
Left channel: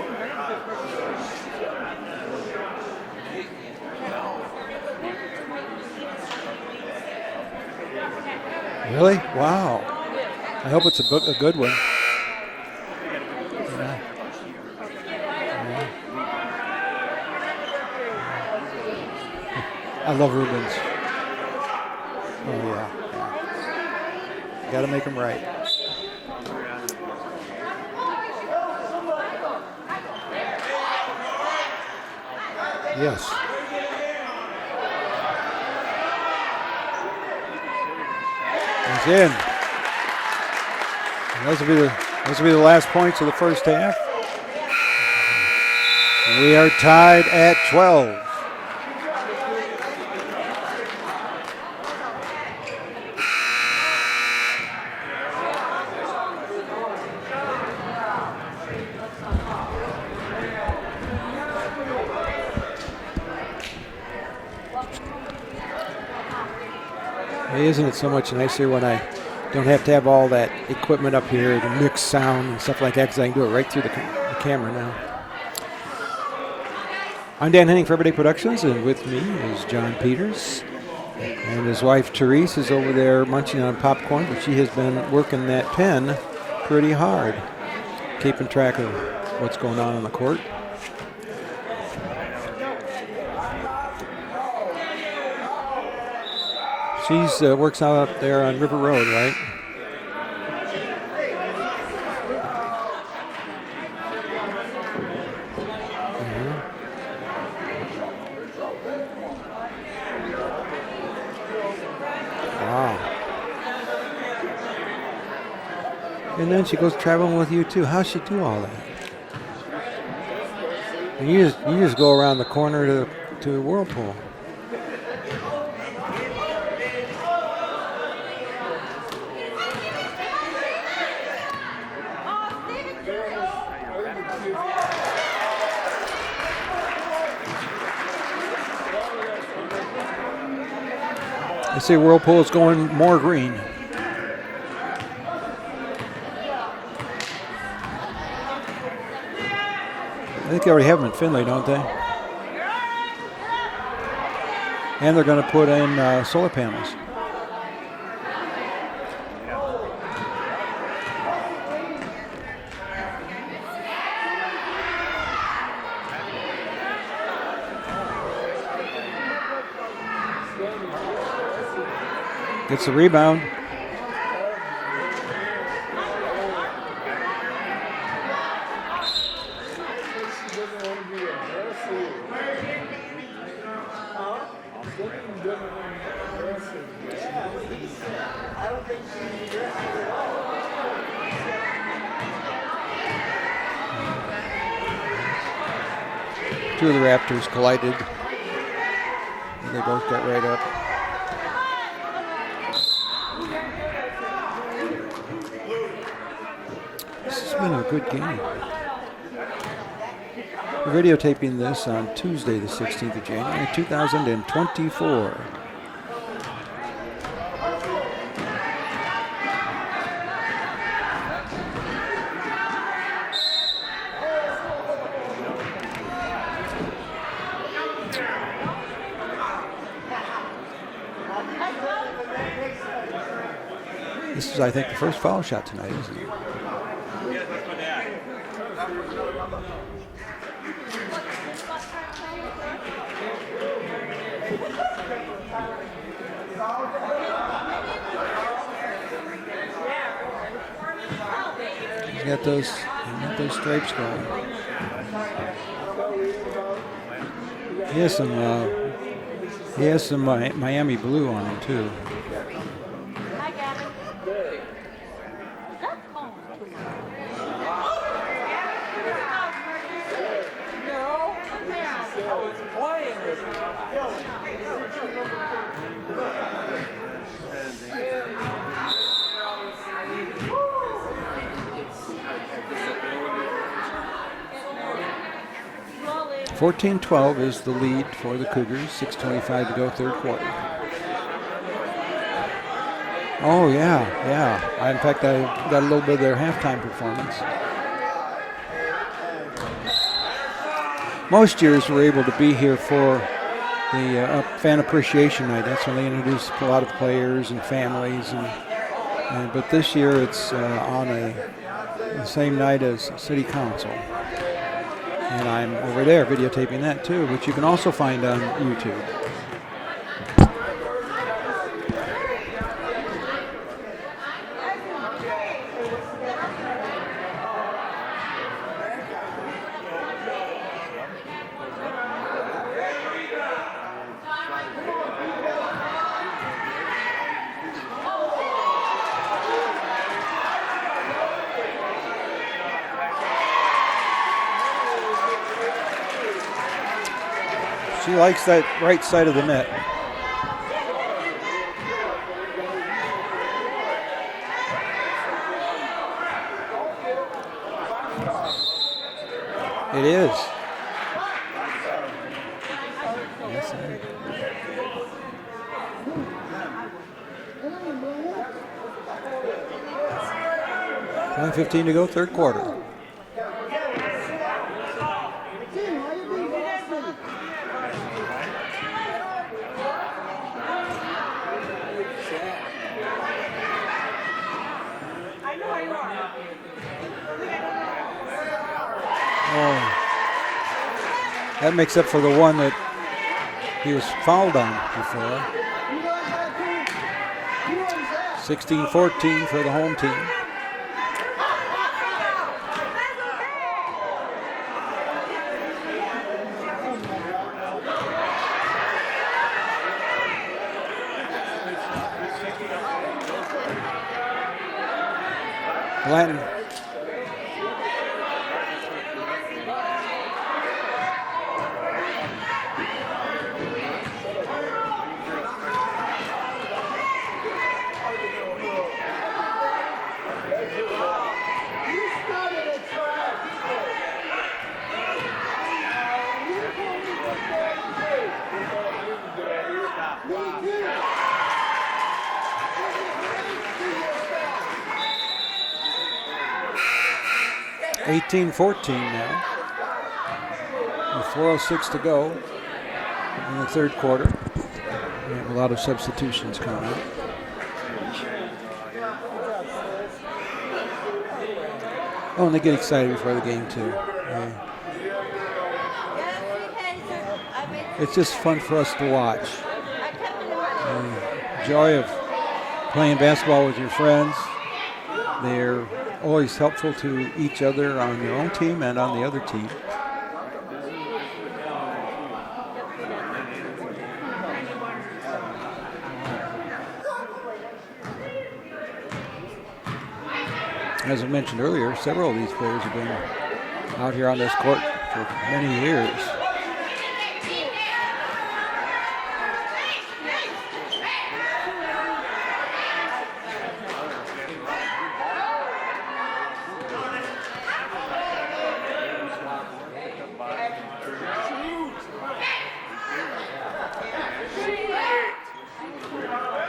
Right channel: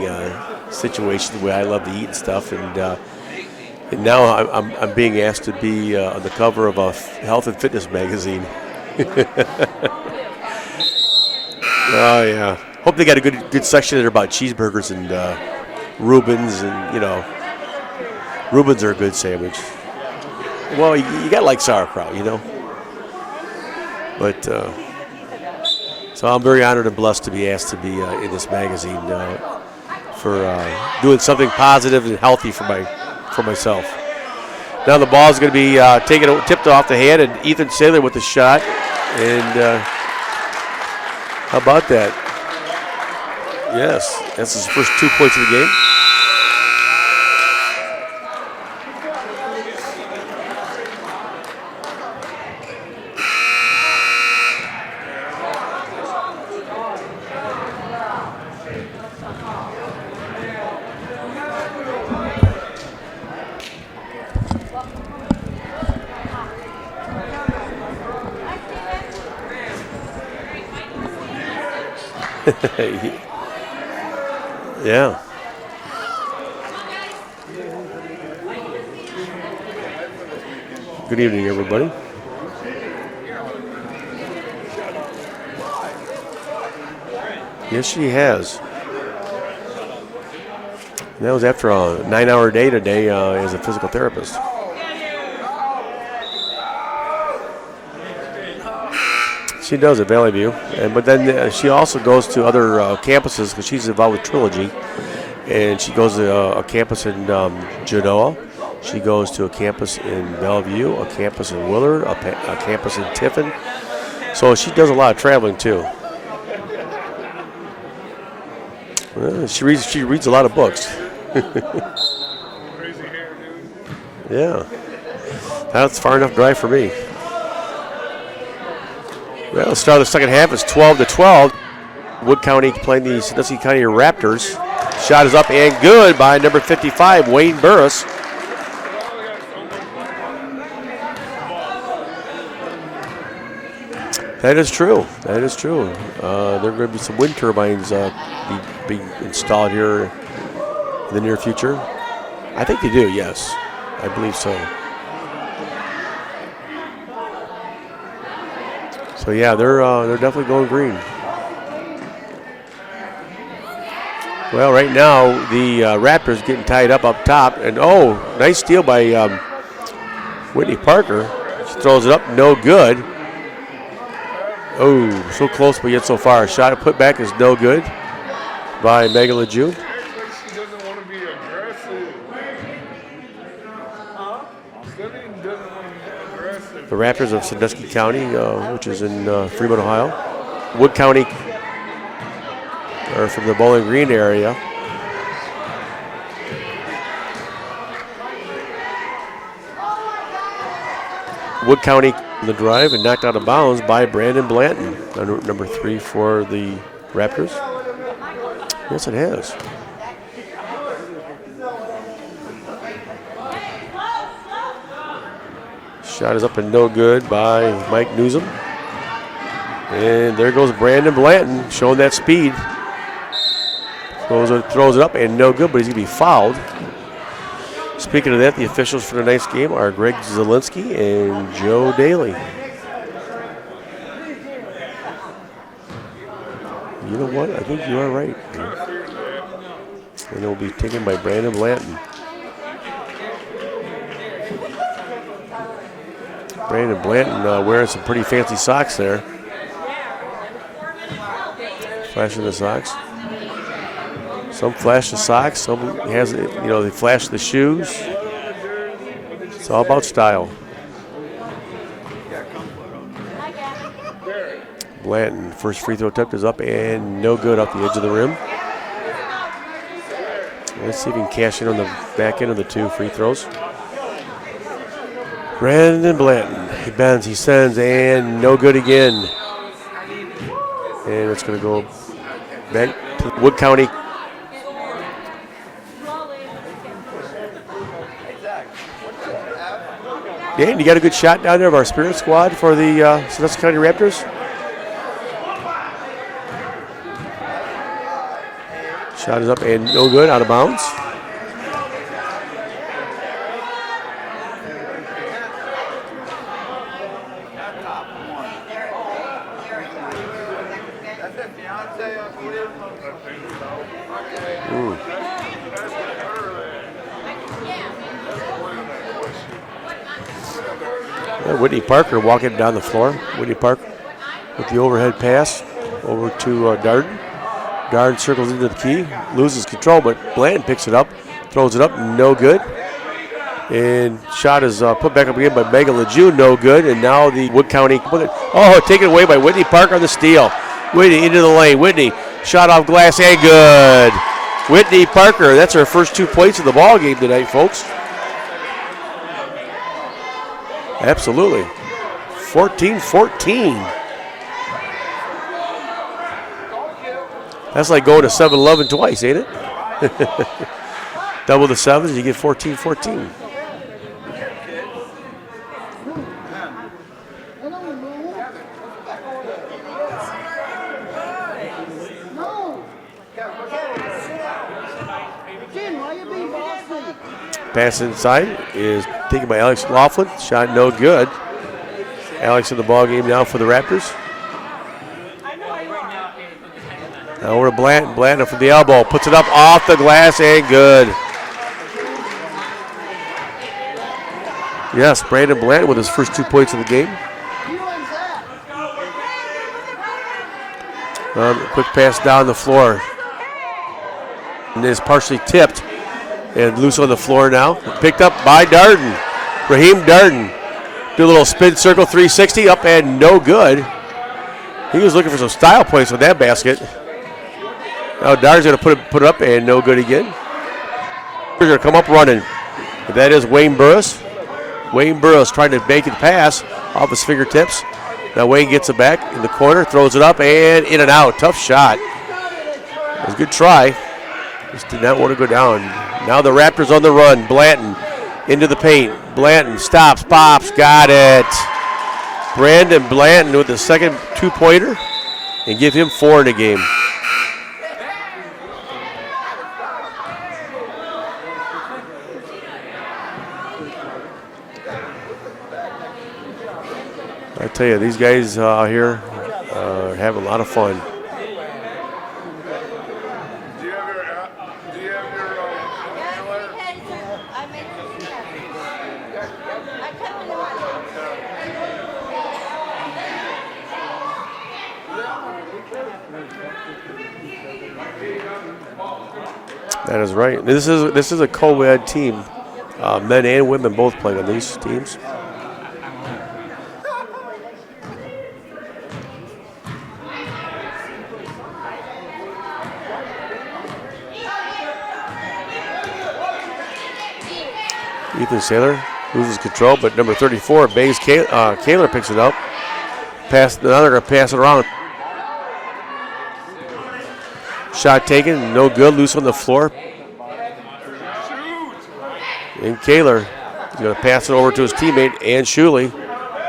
situation, the way I love to eat and stuff, and now I'm being asked to be on the cover of a health and fitness magazine. Really? Wow. I hope it's a good one. Oh yeah. Hope they got a good section there about cheeseburgers and Reubens, and Reubens are a good sandwich. I love Rubens. Well, you got to like sauerkraut, you know. But Gotta make them right. so I'm very honored and blessed to be asked to be in this magazine for doing something positive and healthy for myself. Now the ball is going to be tipped off the hand, and Ethan Saylor with the shot. And how about that? This will be the last points of the first half. Yes, that's his first 2 points of the game. We are tied at 12. Isn't it so much nicer when I don't have to have all that equipment up here to mix sound and stuff like that, because I can do it right through the camera now. Yeah. I'm Dan Henning for Everyday Productions, and with me is John Peters. Good evening, And everybody. his wife Therese is over there munching on popcorn, and she has been working that pen pretty hard. Yes, she Keeping has. track of what's going on the court. That was after a 9-hour day today as a physical therapist. She works out up there on River Road, right? She does at Valley View, but then she also goes to other campuses because she's involved with Trilogy, and she goes to a campus in Genoa. She goes to a campus in Bellevue, a campus in Willard, a campus in Tiffin. So she does a lot of traveling too. And then she goes traveling with you too. How's she do all that? She reads a lot of books. And you just go around the corner to Whirlpool. Yeah. That's far enough drive for me. Well, the start of the second half is 12-12. Wood County playing the Sandusky County Raptors. Shot is up and good by number 55, Wayne Burris. I say Whirlpool is going more green. That is true. That is true. There are going to be some wind turbines be installed here I think they already have them in the near future. I think they do, yes. I believe so. And they're going to put in solar panels. So yeah, they're definitely going green. Well, right now the Raptors getting tied up top, and nice steal by Whitney Parker. She throws it up, no good. Rebound. Oh, so close but yet so far. Shot put back is no good by Megan LeJeune. The Raptors of Sandusky County, which is in Fremont, Ohio. Wood County are from the Bowling Green area. Two of the Raptors collided. They both got right up. Wood County in the drive and knocked out of bounds by Brandon Blanton, number 3 for the Raptors. It's been a good game. Yes, it has. We're videotaping this on Tuesday, the 16th of January, 2024. Shot is up and no good by Mike Newsom. And there goes Brandon Blanton showing that speed. Throws it up and no good, but he's going to be fouled. Speaking of that, the officials for tonight's game are Greg Zielinski and Joe Daly. This is, I think, the first foul shot tonight, isn't it? You know what? I think you are right. And it'll be taken by Brandon Blanton. Brandon Blanton wearing some pretty fancy socks there. Flashing the socks. Those stripes going. Some flash the socks, some has, they flash the shoes. Yes, and It's all about style. Miami blue on it, too. Blanton, first free throw attempt is up and no good off the edge of the rim. Let's see if he can cash in on the back end of the 2 free throws. Brandon Blanton, he bends, he sends, and no good again. And it's going to go back to Wood County. 14-12 is the lead for the Cougars. 6:25 to go third quarter. Dan, you got a good shot down there of our spirit squad for the Sandusky County Raptors? Yeah. In fact, I got a little bit of their halftime performance. Shot is up and no good, out of bounds. Most years we're able to be here for the fan appreciation night. That's when they introduce a lot of players and families. But this year it's on the same night as City Council. And I'm over there videotaping that too, which you can also find on YouTube. Whitney Parker walking down the floor. Whitney Parker with the overhead pass over to Darden. Darden circles into the key, loses control, but Blanton picks it up, throws it up, no good. And shot is put back up again by Megan Lejeune, no good. And now the Wood County, taken away by Whitney Parker on the steal. Whitney into the lane. Whitney shot off glass and good. Whitney Parker, that's her first 2 points of the ball game tonight, folks. She likes that right side of the net. Absolutely. 14-14. That's like going to 7-11 twice, ain't it? It is. Double the sevens, you get 14-14. 1:15 to go, third quarter. Pass inside is taken by Alex Laughlin. Shot no good. Alex in the ball game now for the Raptors. Now over to Blanton. Blanton from the elbow. Puts it up off the glass and good. That makes up for the one that he was fouled on. Yes, Brandon Blanton with his first 2 points of the game. 16-14 for the home team. Quick pass down the floor. And is partially tipped and loose on the floor now. Picked up by Darden. Raheem Darden. Do a little spin circle 360 up and no good. He was looking for some style points with that basket. Now Darden's going to put it up and no good again. They're going to come up running. That is Wayne Burris. Wayne Burris trying to make it pass off his fingertips. Now Wayne gets it back in the corner, throws it up and in and out. Tough shot. It was a good try. Just did not want to go down. Now the Raptors on the run. Blanton into the paint. Blanton stops, pops, got it. Brandon Blanton with the second 2-pointer and give him 4 in the game. 18-14 now. With 4:06 to go in the third quarter. A lot of substitutions coming up. I tell you, these guys out here have a lot of fun. Oh, and they get excited for the game too. It's just fun for us to watch. Joy of playing basketball with your friends. They're always helpful to each other on their own team and on the other team. That is right. This is a co-ed team. Men and women both playing on these teams. As I mentioned earlier, several of these players have been out here on this court for many years. Ethan Saylor loses control, but number 34, Bays Kaler picks it up. Now they're going to pass it around. Shot taken, no good, loose on the floor. And Kaler is going to pass it over to his teammate, Ann Shuley.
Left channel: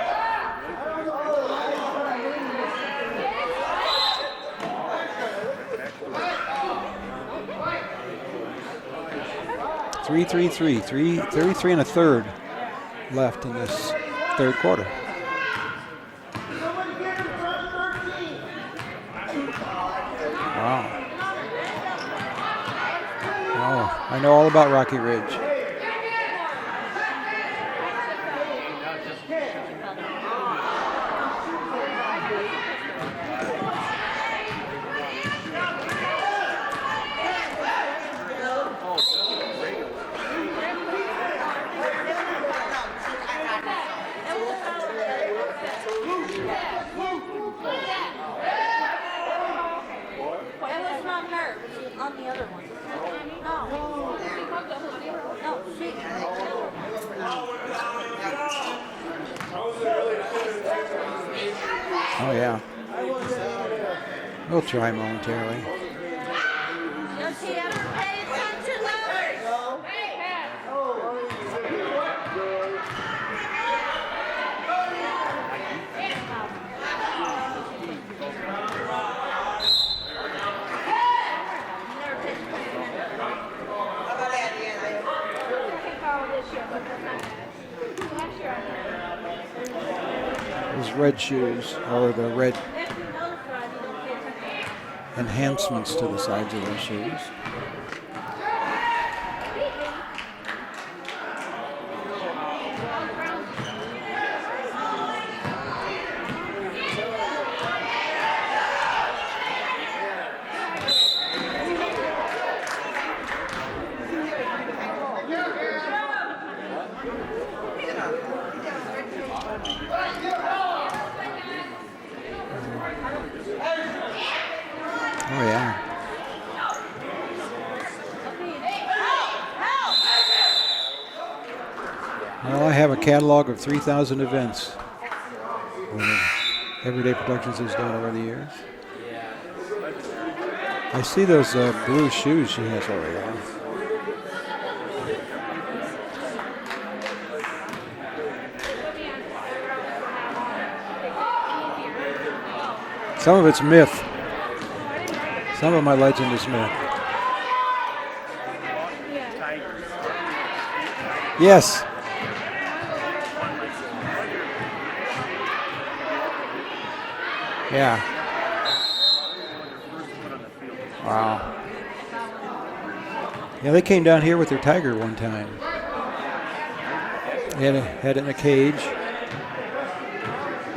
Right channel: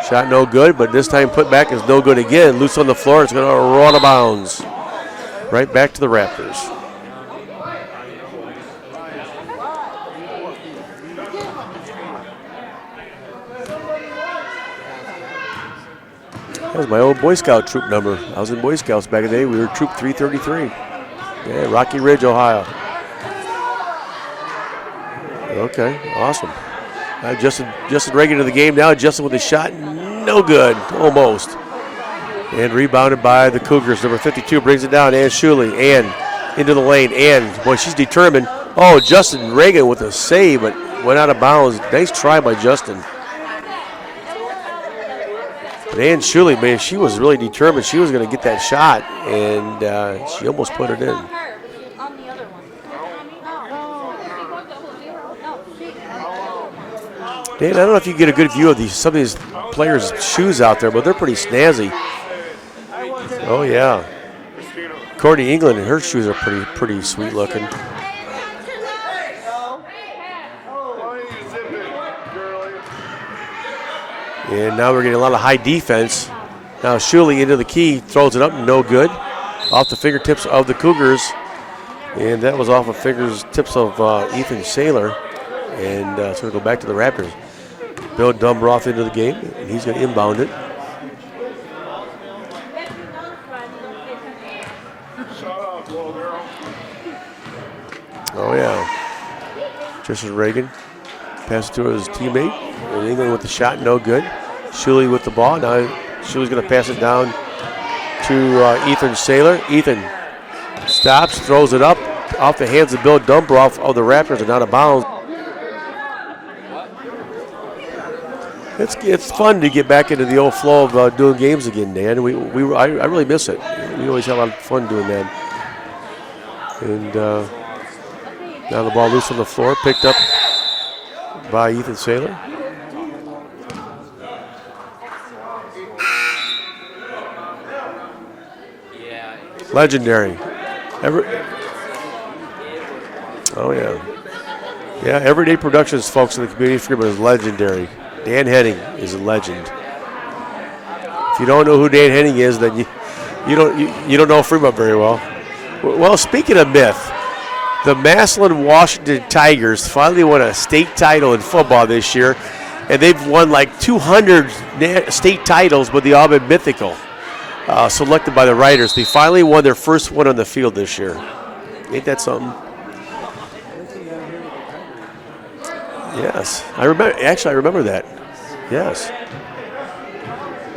Shot no good, but this time put back is no good again. Loose on the floor, it's going to roll out of bounds. Right back to the Raptors. 33 and a third left in this third quarter. That was my old Boy Scout troop number. I was in Boy Scouts back in the day. We were troop 333. Yeah, Rocky Ridge, Ohio. Oh, I know all about Rocky Ridge. Okay, awesome. Justin Reagan to the game now. Justin with a shot, no good, almost. And rebounded by the Cougars. Number 52 brings it down. Ann Shuley. Ann into the lane. Ann, boy, she's determined. Oh, Justin Reagan with a save, but went out of bounds. Nice try by Justin. But Ann Shuley, man, she was really determined. She was going to get that shot, and she almost put it in. On the other one. Dan, I don't know if you get a good view of some of these players' shoes out there, but they're pretty snazzy. Oh, yeah. Oh, yeah. We'll try them. Courtney England, her shoes are pretty sweet looking. And now we're getting a lot of high defense. Now Shuley into the key, throws it up, no good. Off the fingertips of the Cougars. And that was off of fingertips of Ethan Saylor. And so we go back to the Raptors. Bill Dumbroth into the game. He's going to inbound it. His red shoes, all of the red enhancements to the sides of their shoes. Oh, yeah. Tristan Reagan passed to his teammate. And England with the shot, no good. Shuley with the ball. Now Shuley's going to pass it down to Ethan Saylor. Ethan stops, throws it up off the hands of Bill Dumbroff of the Raptors and out of bounds. It's fun to get back into the old flow of doing games again, Dan. I really miss it. We always have a lot of fun doing that. Oh, yeah. And now the ball loose on the floor, picked up by Ethan Saylor. Well, I have a catalog of 3,000 events. Everyday Productions has done over the years. Legendary. I see those blue shoes she has. Oh, yeah. Yeah, Everyday Productions, folks, in the community freedom is legendary. Dan Henning is a legend. If you don't know who Dan Henning is, then you don't know Fremont very well. Well, speaking of myth, the Massillon Washington Tigers finally won a state title in football this year, and they've won like 200 state titles, but they all been mythical, selected by the writers. They finally won their first one on the field this year. Ain't that something? Yeah, they came down here with their tiger one time. Yes, I remember. Actually, I remember that. Had it in a cage. Yes.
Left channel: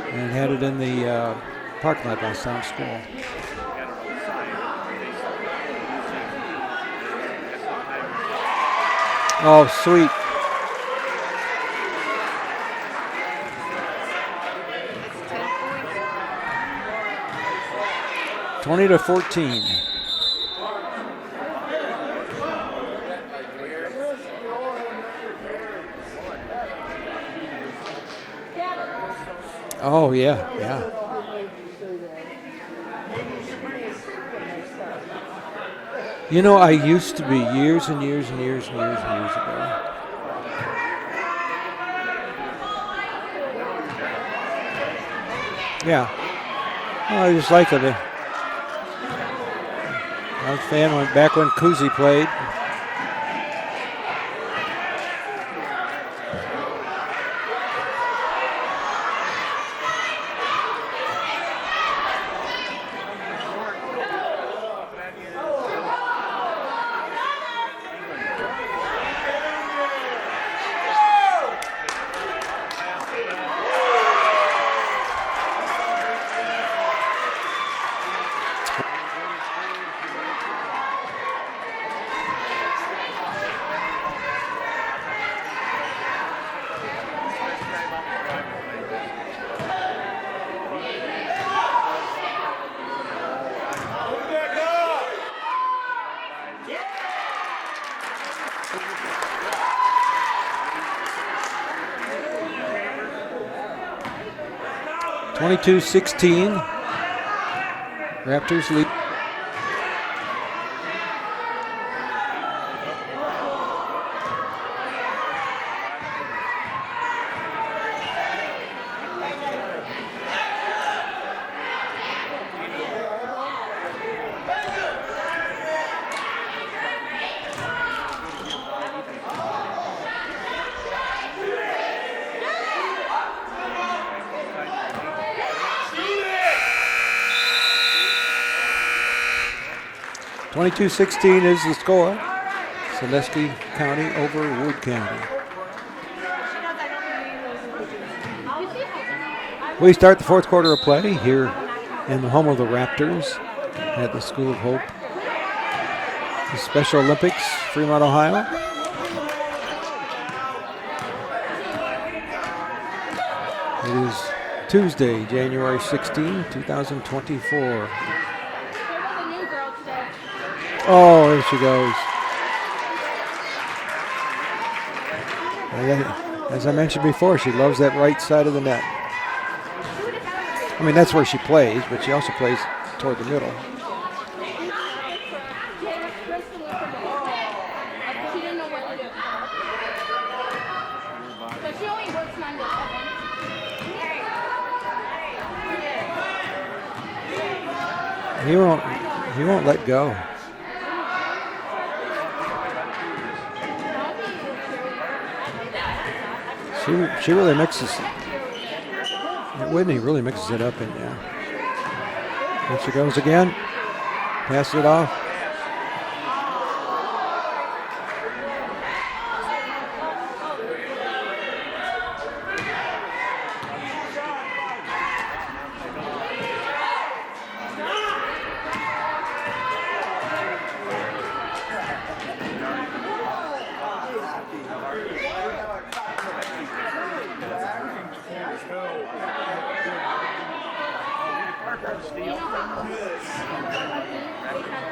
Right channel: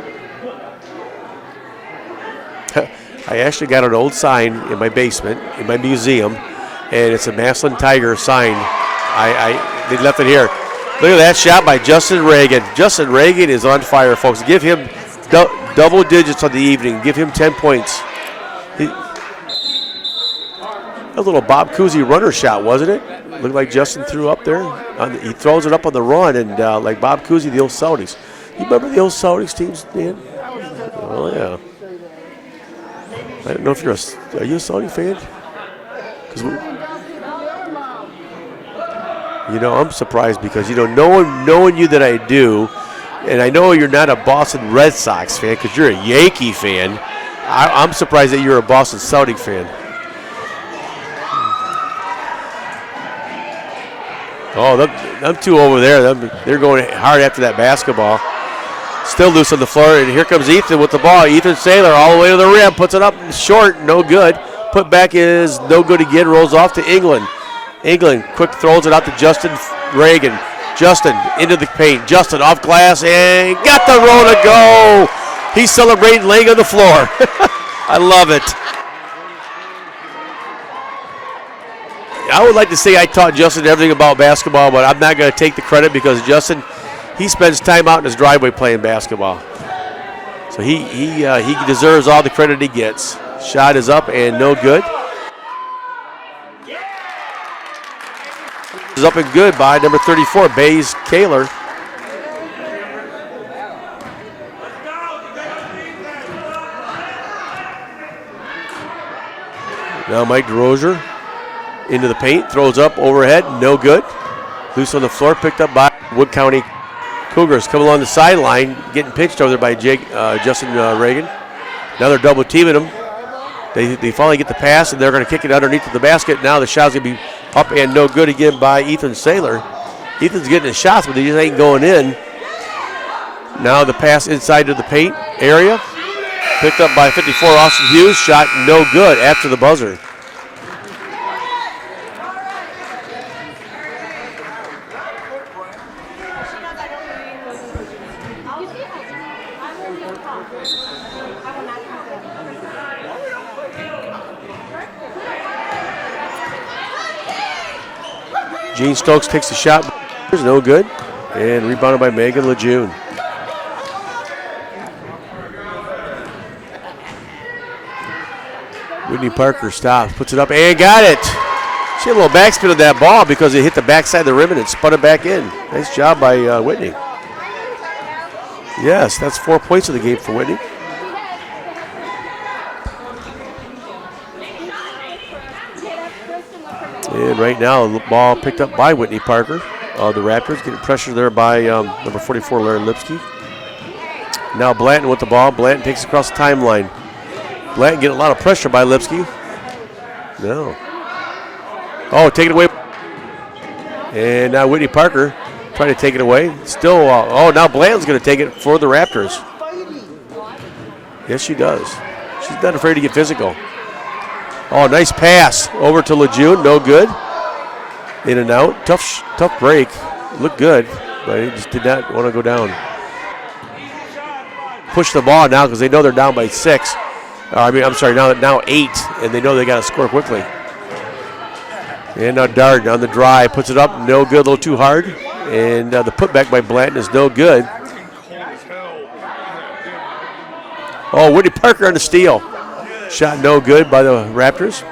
And had it in the parking lot on Sandusky. I actually got an old sign in my basement, in my museum, and it's a Massillon Tiger sign. I left it here. Look at that shot by Justin Reagan. Justin Reagan is on fire, folks. Give him double digits on the evening. Give him 10 points. 20-14. A little Bob Cousy runner shot, wasn't it? Looked like Justin threw up there. He throws it up on the run, and like Bob Cousy, the old Saudis. You remember the old Saudis teams? Oh, yeah. Oh, yeah. I don't know if are you a Saudi fan? You know, I used to be years and years and years and years and years ago. You know, I'm surprised because, knowing you that I do, and I know you're not a Boston Red Sox fan because you're a Yankee fan. I'm surprised that you're a Boston Celtic fan. I'm a fan went back when Cousy played. Oh, them two over there, they're going hard after that basketball. Still loose on the floor, and here comes Ethan with the ball. Ethan Saylor all the way to the rim, puts it up short, no good. Put back is no good again, rolls off to England. England quick throws it out to Justin Reagan. Justin into the paint. Justin off glass and got the roll to go. He's celebrating laying on the floor. I love it. I would like to say I taught Justin everything about basketball, but I'm not going to take the credit because Justin, he spends time out in his driveway playing basketball. So he deserves all the credit he gets. Shot is up and no good. Is up and good by number 34, Bays Kaler. 22-16. Raptors lead. Now Mike DeRozier into the paint, throws up overhead, no good. Loose on the floor, picked up by Wood County Cougars. Come along the sideline, getting pinched over there by Justin Reagan. Now they're double teaming him. They finally get the pass, and they're going to kick it underneath the basket. Now the shot's going to be up and no good again by Ethan Saylor. Ethan's getting his shots, but they just ain't going in. Now the pass inside to the paint area. Picked up by 54, Austin Hughes. Shot no good after the buzzer. 22-16 is the score. Sandusky County over Wood County. We start the fourth quarter of play here in the home of the Raptors at the School of Hope. The Special Olympics, Fremont, Ohio. Gene Stokes takes the shot. No good. And rebounded by Megan Lejeune. It is Tuesday, January 16, 2024. Whitney Parker stops, puts it up, and got it. There she goes. She had a little backspin of that ball because it hit the backside of the rim and it spun it back in. Nice job by As I Whitney. mentioned before, she loves that right side of the net. Yes, that's 4 points in the game for Whitney. I mean, that's where she plays, but she also plays toward the middle. And right now, the ball picked up by Whitney Parker. The Raptors getting pressure there by number 44, Larry Lipsky. Now Blanton with the ball. Blanton takes it across the timeline. Blanton getting a lot of pressure by Lipsky. He won't let go. No. Oh, take it away. And now Whitney Parker trying to take it away. Still, now Blanton's going to take it for the Raptors. Whitney really mixes it up. Yes, she does. She's not afraid to get physical. Pass it Oh, off. nice pass over to Lejeune. No good. In and out. Tough break. Looked good, but he just did not want to go down. push the ball now because they know they're down by 6. Now 8, and they know they got to score quickly. And now Darden on the drive, puts it up, no good, a little too hard. And the putback by Blanton is no good. Oh, Whitney Parker on the steal. Shot no good by the Raptors.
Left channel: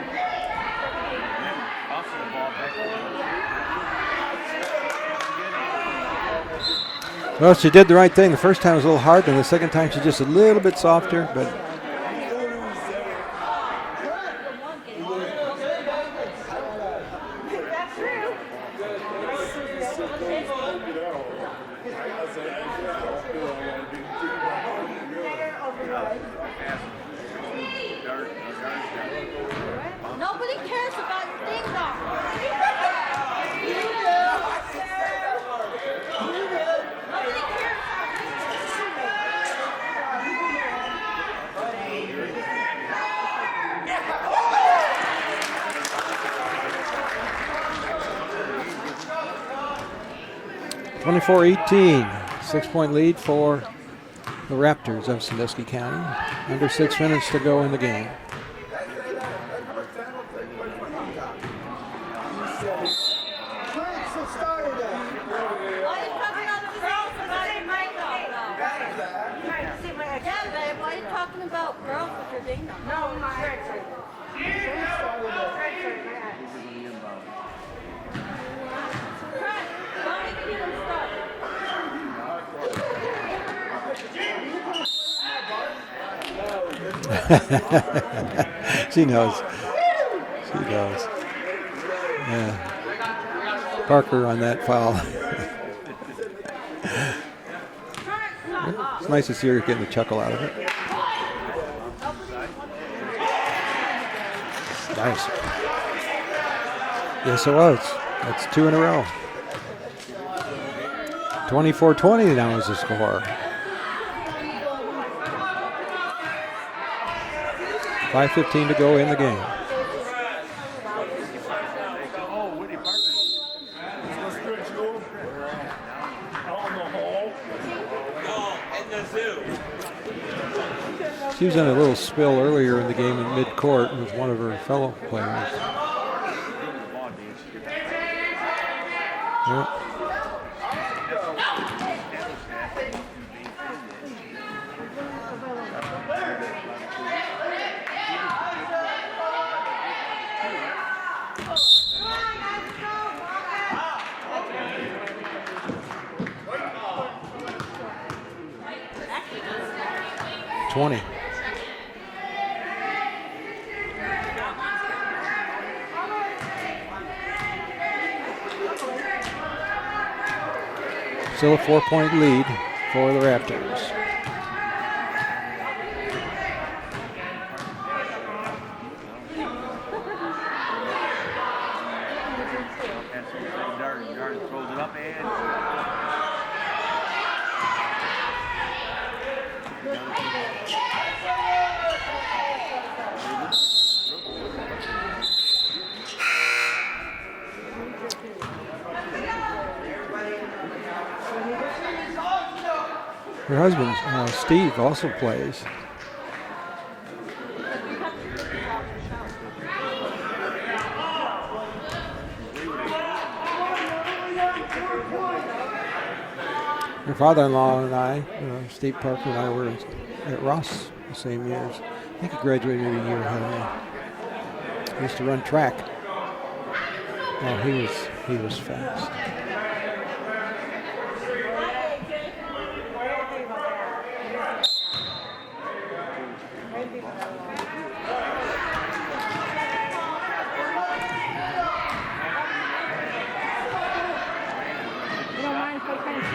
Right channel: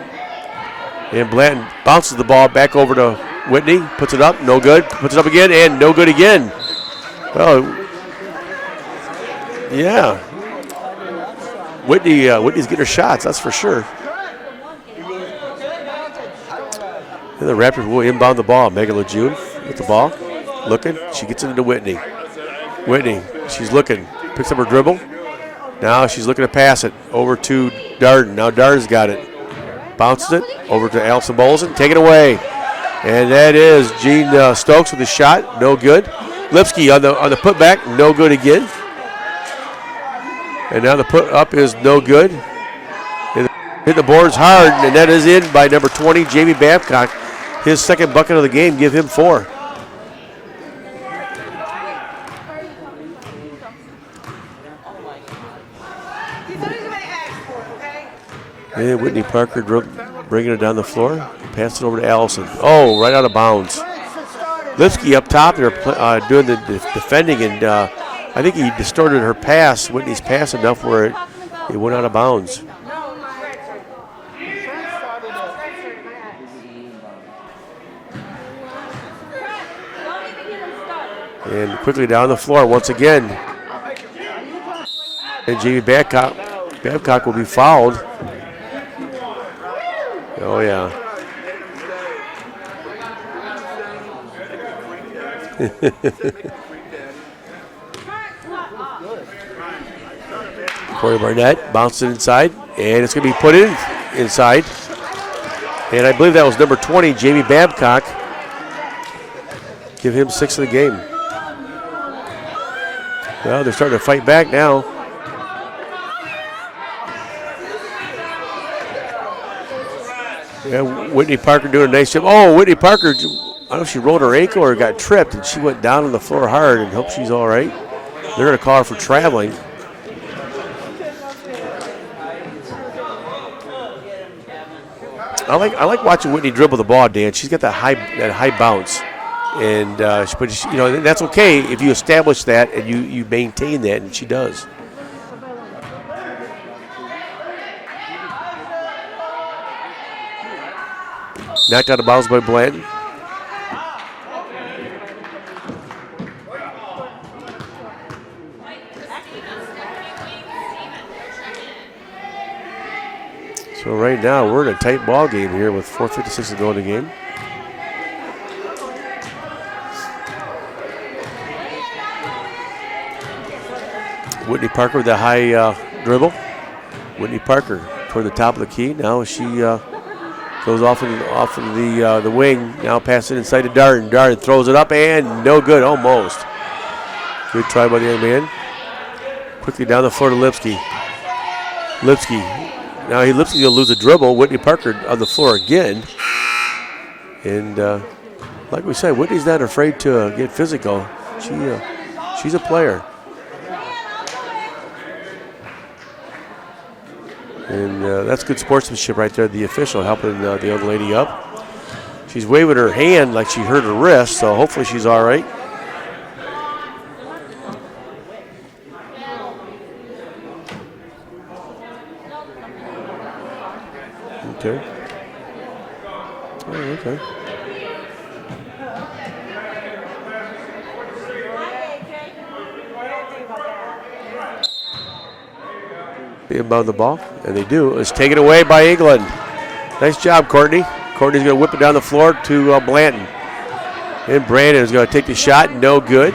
And Blanton bounces the ball back over to Whitney, puts it up, no good, puts it up again, and no good again. Well, she did the right thing. The first time was a little hard, and the second time she was a little bit softer. But Whitney's getting her shots, that's for sure. And the Raptors will inbound the ball. Megan Lejeune with the ball, looking. She gets into Whitney. Whitney, she's looking, picks up her dribble. Now she's looking to pass it over to Darden. Now Darden's got it. Bounces it over to Allison Bolson. Take it away. And that is Jean Stokes with the shot. No good. Lipsky on the putback. No good again. And now the put up is no good. Hit the boards hard, and that is in by number 20, Jamie Babcock. His second bucket of the game. Give him 4. 24-18. 6-point lead for the Raptors of Sandusky County. Under 6 minutes to go in the game. And Whitney Parker bringing it down the floor. Pass it over to Allison. Oh, right out of bounds. Lipsky up top there doing the defending, and I think he distorted her pass, Whitney's pass, enough where it went out of bounds. And quickly down the floor once again. And Jamie Babcock will be fouled. She knows. Oh, yeah. Parker on that foul. It's nice to see her getting a chuckle out of it. Corey Barnett bounced it inside, and it's going to be put inside. Nice. And I believe that was number 20, Jamie Babcock. That's 2 in a row. Give him 6 of the game. 24-20 now is the score. Well, they're starting to fight back now. 5:15 to go in the game. Yeah, Whitney Parker doing a nice job. Oh, Whitney Parker, I don't know if she rolled her ankle or got tripped, and she went down on the floor hard, and hope she's all right. They're going to call her for traveling. She was in a little spill earlier in the game at midcourt with one of her fellow players. I like watching Whitney dribble the ball, Dan. She's got that high bounce, and but that's okay if you establish that and you maintain that, and she does. Knocked out of bounds by Blanton. So right now we're in a tight ball game here with 4:56 to go in the game. Still a 4-point lead for the Raptors. Whitney Parker with the high dribble. Whitney Parker toward the top of the key. Now she goes off of the wing. Now passing inside to Darden. Darden throws it up and no good, almost. Good try by the young man. Quickly down the floor to Lipsky. Lipsky will lose a dribble. Whitney Parker on the floor again. And like we said, Whitney's not afraid to get physical. She's a player. Her husband, Steve, also plays. And that's good sportsmanship right there. The official helping the young lady up. She's waving her hand like she hurt her wrist, so hopefully she's all right. Her father-in-law and I, Steve Parker and I were at Ross the same year. I think he graduated in year high. Okay. He used to run track. Oh, okay. Well, he was fast. They inbound the ball, and they do. It's taken away by England. Nice job, Courtney. Courtney's going to whip it down the floor to Blanton. And Brandon is going to take the shot. No good.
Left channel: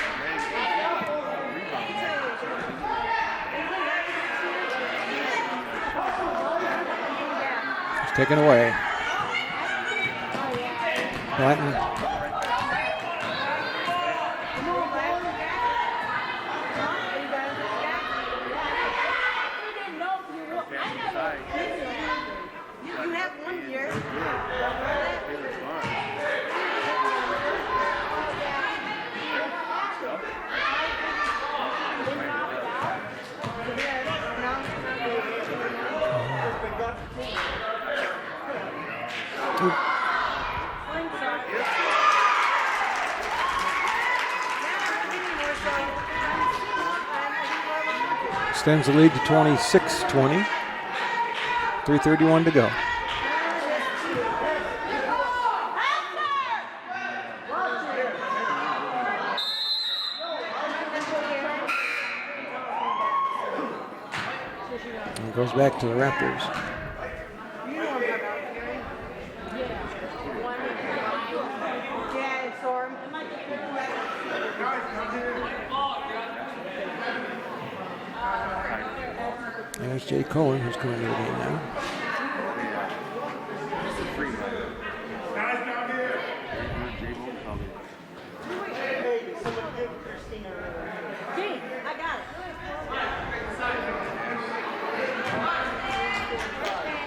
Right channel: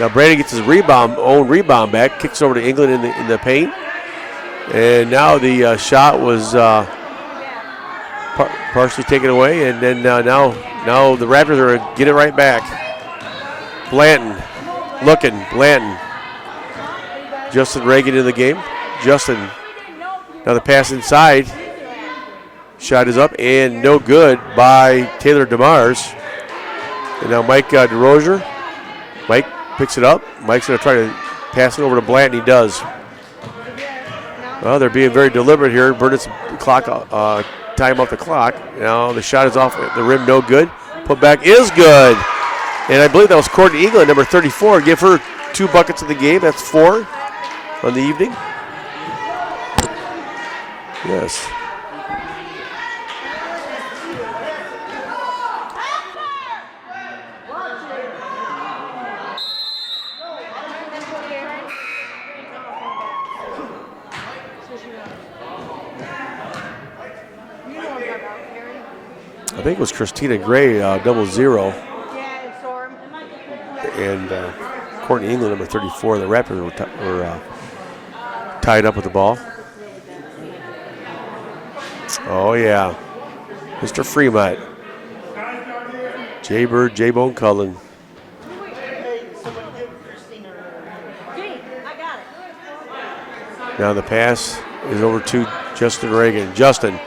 Now Brandon gets his own rebound back, kicks over to England in the paint. And now the shot was partially taken away. And then now the Raptors are going to get it right back. Blanton looking. Blanton. Justin Reagan in the game. Justin, now the pass inside. Shot is up and no good by Taylor DeMars. And now Mike DeRozier. Mike picks it up. Mike's going to try to pass it over to Blanton. He does. Well, they're being very deliberate here. Burnett's clock, time off the clock. Now the shot is off the rim, no good. Put back is good. And I believe that was Courtney England, number 34. Give her 2 buckets of the game. That's 4 on the evening. Extends the lead to 26-20. Yes. 3:31 to go. Goes back to the Raptors. I think it was Christina Gray, 0-0. And Courtney England, number 34. The Raptors were tied up with the ball. There's Jay Coed, who's going to get it now. Oh, yeah. Mr. Fremont. Jay Bird, J-Bone Cullen. Now the pass is over to Justin Reagan. Justin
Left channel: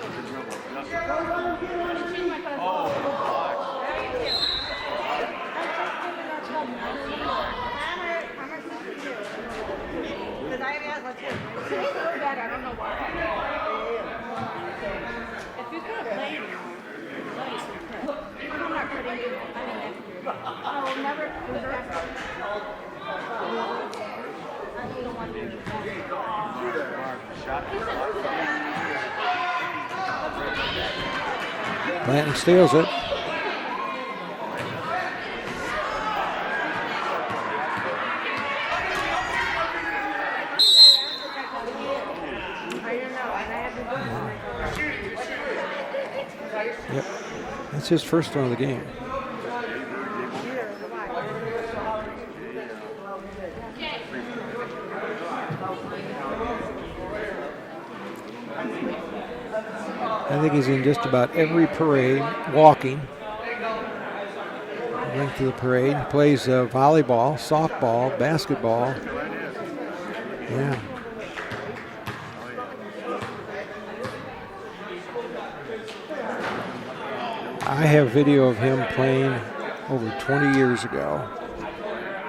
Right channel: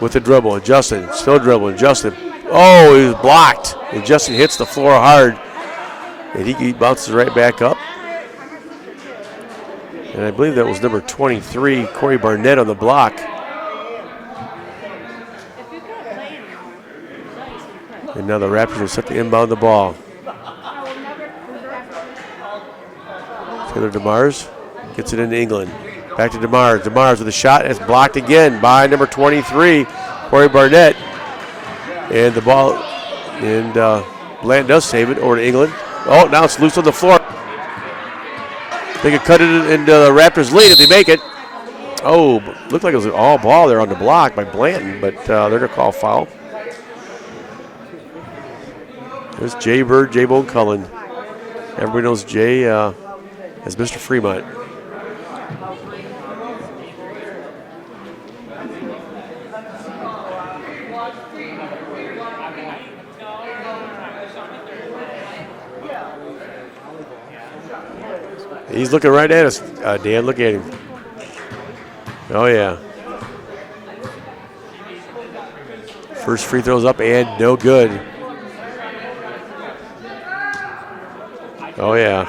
with the dribble. Justin still dribbling. Justin. Oh, he was blocked. And Justin hits the floor hard. And he bounces right back up. And I believe that was number 23, Corey Barnett on the block. And now the Raptors are set to inbound the ball. Taylor DeMars gets it into England. Back to DeMars. DeMars with a shot. It's blocked again by number 23, Corey Barnett. And the ball. And Blanton does save it over to England. Oh, now it's loose on the floor. They could cut it into the Raptors' lead if they make it. Oh, looked like it was an all ball there on the block by Blanton, but they're going to call foul. That's his first one of the game. There's Jay Bird, J-Bone Cullen. Everybody knows Jay as Mr. Fremont. I think he's in just about every parade, walking. Went to the parade, plays volleyball, softball, basketball. He's looking right at us, Dan. Look at him. Oh, yeah. First free throw's up and no I good. have video of him playing over 20 years ago. Oh, yeah.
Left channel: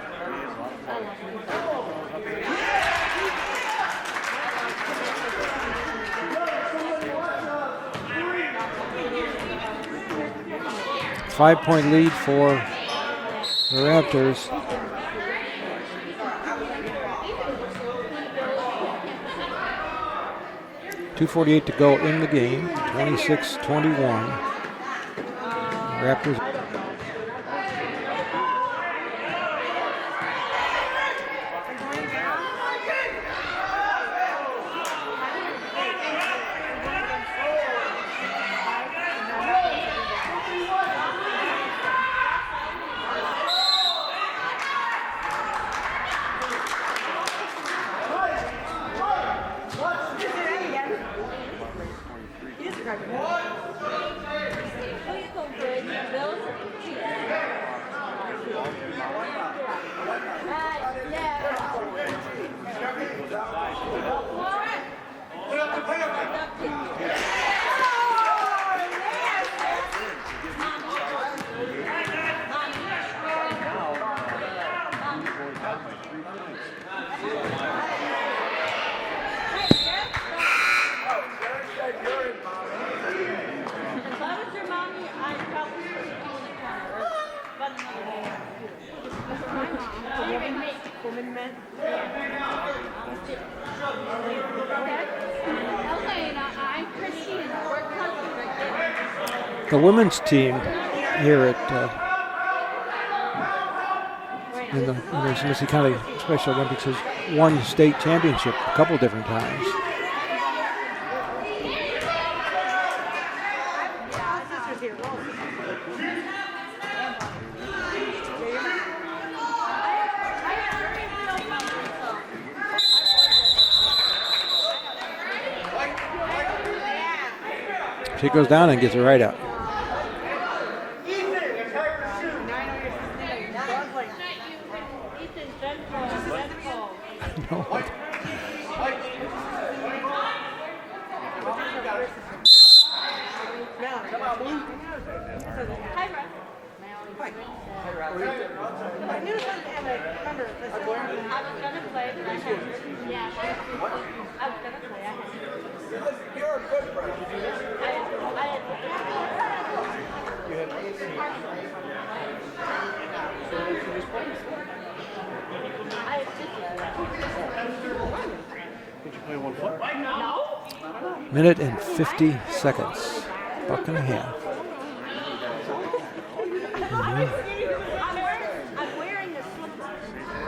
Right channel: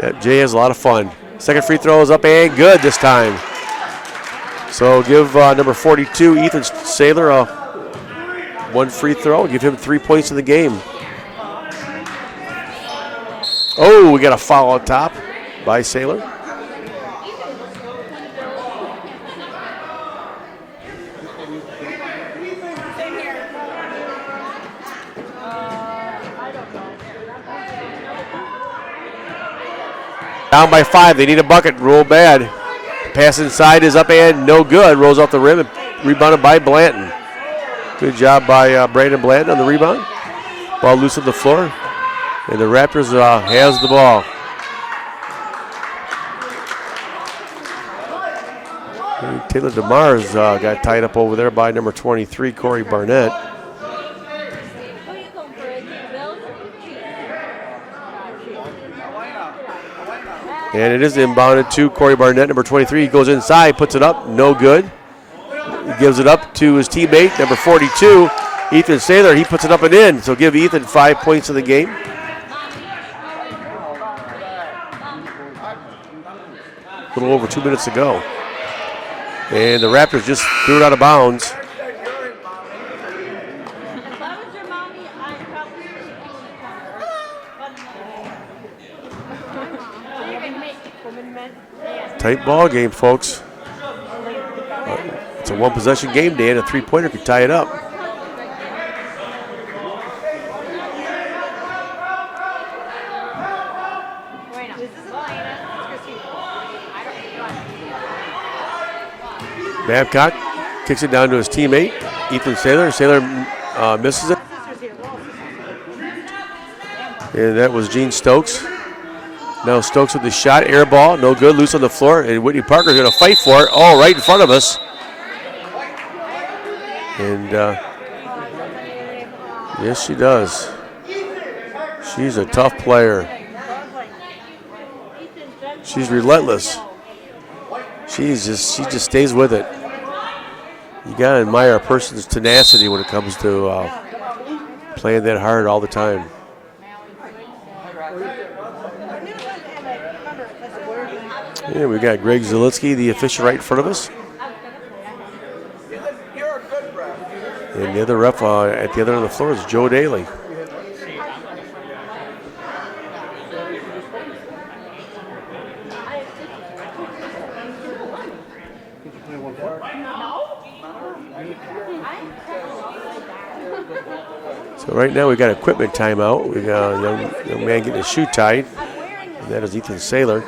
Yeah, Jay has a lot of fun. Second free throw is up and good this time. So give number 42, Ethan Saylor, one free throw. Give him 3 points in the game. 5-point lead for. Oh, we got a foul on top by Saylor. 2:48 to go in the game. 26-21. Raptors. Down by 5. They need a bucket. Roll bad. Pass inside is up and no good. Rolls off the rim and rebounded by Blanton. Good job by Brandon Blanton on the rebound. Ball loose on the floor. And the Raptors has the ball. And Taylor DeMars got tied up over there by number 23, Corey Barnett. And it is inbounded to Corey Barnett, number 23. He goes inside, puts it up, no good. He gives it up to his teammate, number 42, Ethan Saylor. He puts it up and in, so give Ethan 5 points in the game. A little over 2 minutes to go. And the Raptors just threw it out of bounds. Tight ball game, folks. It's a one-possession game, Dan. A three-pointer could tie it up. The women's team here at in the Sandusky County Special Olympics has won state championship a couple different times. Babcock kicks it down to his teammate, Ethan Saylor. Saylor misses it. And that was Gene Stokes. Now Stokes with the shot, air ball, no good, loose on the floor, and Whitney Parker's going to fight for it. Oh, right in front of us. And she goes down and gets it right up. Yes, she does. She's a tough player. She's relentless. She just stays with it. You gotta admire a person's tenacity when it comes to playing that hard all the time. Yeah, we got Greg Zielinski, the official, right in front of us. And the other ref at the other end of the floor is Joe Daly. Minute and 50 seconds. Buck and a half. So right now we got equipment timeout. We got a young man getting his shoe tied. And that is Ethan Saylor.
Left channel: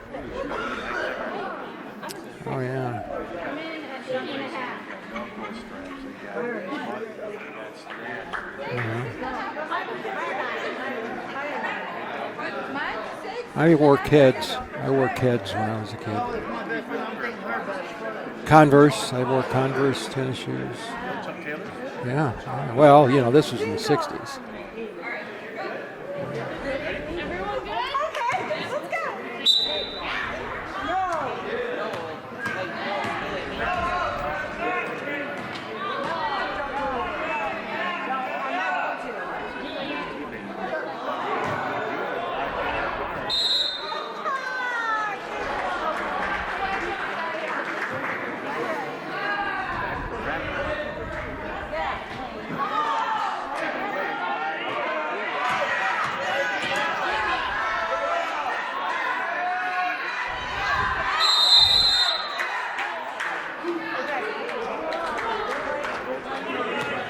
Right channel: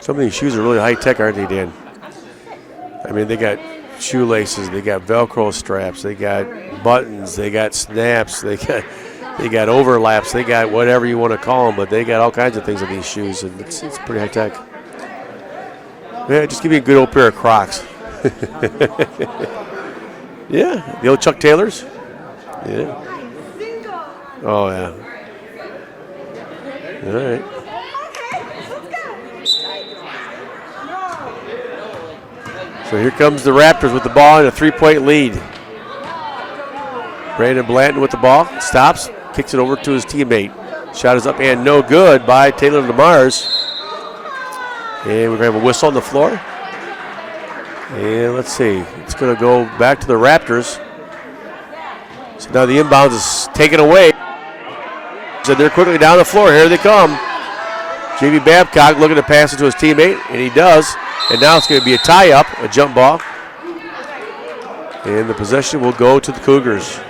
Some of these shoes are really high tech, aren't they, Dan? Oh, yeah. I mean, they got shoelaces, they got Velcro straps, they got buttons, they got snaps, they got overlaps, they got whatever you want to call them, but they got all kinds of things in these shoes. And I it's wore pretty high Keds. tech. I wore Keds when I was a kid. Yeah, just give me a good old pair of Crocs. Converse. I wore Converse tennis shoes. Yeah, the old Chuck Taylors. Yeah. Well, you know, this was in the 60s. Oh yeah. All right. So here comes the Raptors with the ball and a 3-point lead. Brandon Blanton with the ball, stops, kicks it over to his teammate. Shot is up and no good by Taylor DeMars. And we're going to have a whistle on the floor. And let's see, it's going to go back to the Raptors. So now the inbounds is taken away. So they're quickly down the floor. Here they come. J.B. Babcock looking to pass it to his teammate, and he does. And now it's going to be a tie-up, a jump ball. And the possession will go to the Cougars.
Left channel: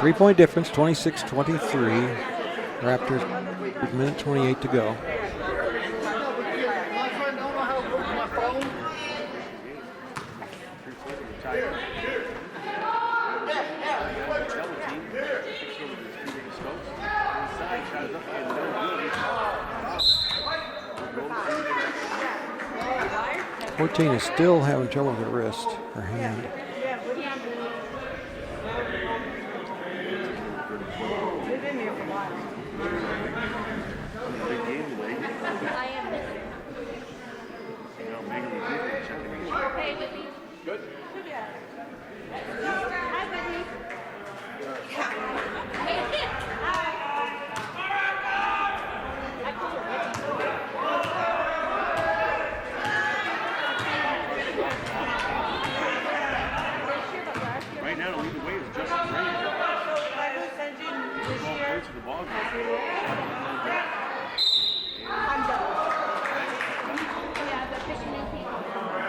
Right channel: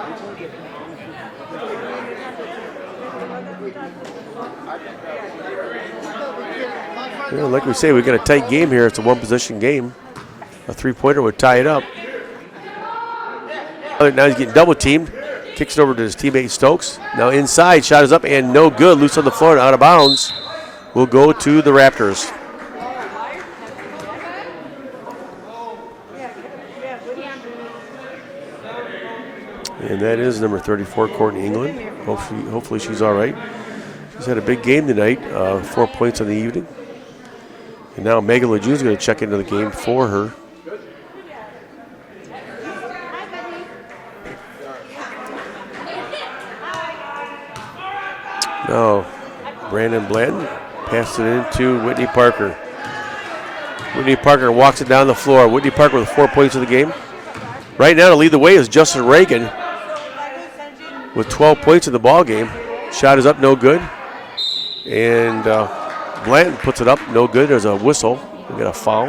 3-point difference, 26-23. Raptors, minute 28 to go. Well, like we say, we got a tight game here. It's a one-possession game. A three-pointer would tie it up. Now he's getting double-teamed. Kicks it over to his teammate Stokes. Now inside, shot is up and no good. Loose on the floor and out of bounds. Will go to the Raptors. 14 is still having trouble with the wrist. Or hand. And that is number 34, Courtney England. Hopefully she's all right. She's had a big game tonight, 4 points on the evening. And now Megan LeJeune is going to check into the game for her. Now, Brandon Blanton passed it into Whitney Parker. Whitney Parker walks it down the floor. Whitney Parker with 4 points in the game. Right now to lead the way is Justin Reagan with 12 points in the ball game. Shot is up, no good. And Blanton puts it up, no good. There's a whistle. We got a foul.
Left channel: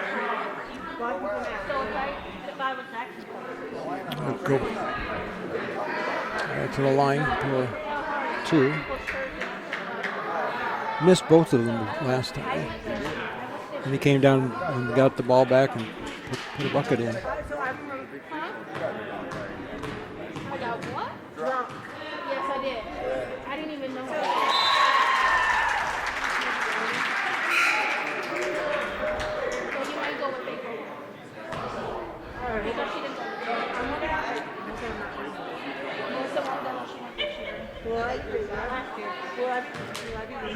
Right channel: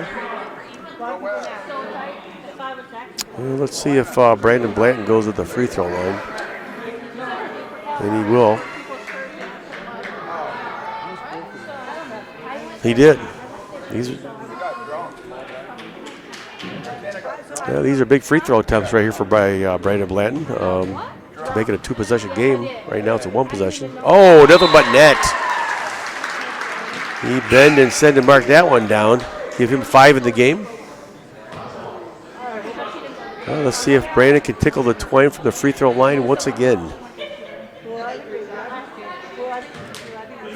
And let's see if Brandon Blanton goes with the free throw line. To the line. And he will. Missed both of them last time. He did. He came down and got the ball back and put the bucket in. Yeah, these are big free throw attempts right here for Brandon Blanton. Make it a two-possession game. Right now it's a one-possession. Oh, nothing but net. He bend and send and mark that one down. Give him 5 in the game. Well, let's see if Brandon can tickle the twine from the free throw line once again.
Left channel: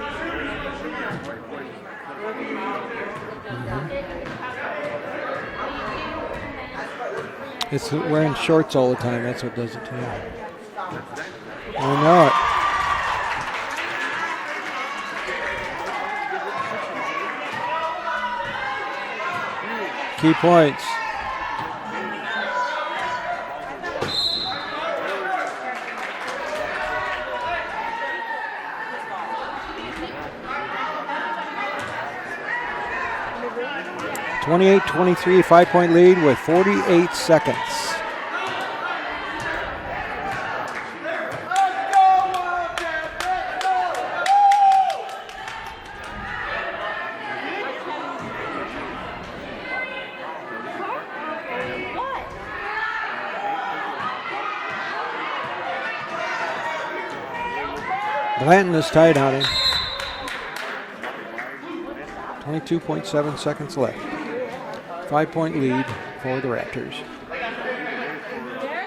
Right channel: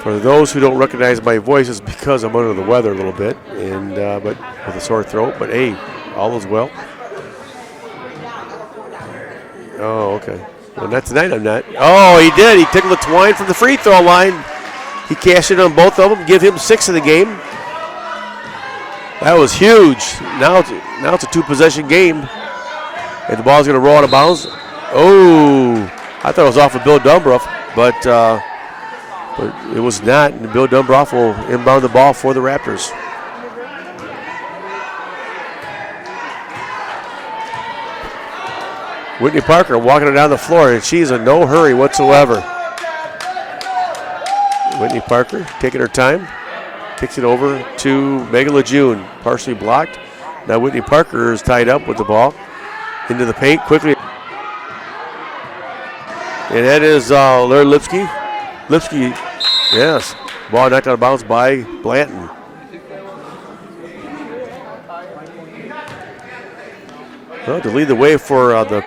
For those who don't recognize my voice, it's because I'm under the weather a little bit, and but with a sore throat. But hey, all is well. It's wearing shorts all the time. That's what does it. Oh, okay. Well, not tonight. I'm not. Oh, he did. He tickled the twine from the free throw line. He cashed in on both of them. Give him 6 in the game. That was huge. Now it's a two-possession game, and the ball's going to roll out of bounds. Oh, I thought it was off of Bill Dumbruff, but it was not. And Bill Dumbruff will inbound the ball for the Raptors. 28-23, 5-point lead with 48 seconds. Whitney Parker walking it down the floor, and she's in no hurry whatsoever. Whitney Parker taking her time, kicks it over to Megan LeJeune, partially blocked. Now Whitney Parker is tied up with the ball into the paint quickly. And that is Larry Lipsky. Blanton was tied on him. Yes. Ball knocked out of bounds by Blanton. 22.7 seconds left. 5-point lead for the Raptors. Well, to lead the way for the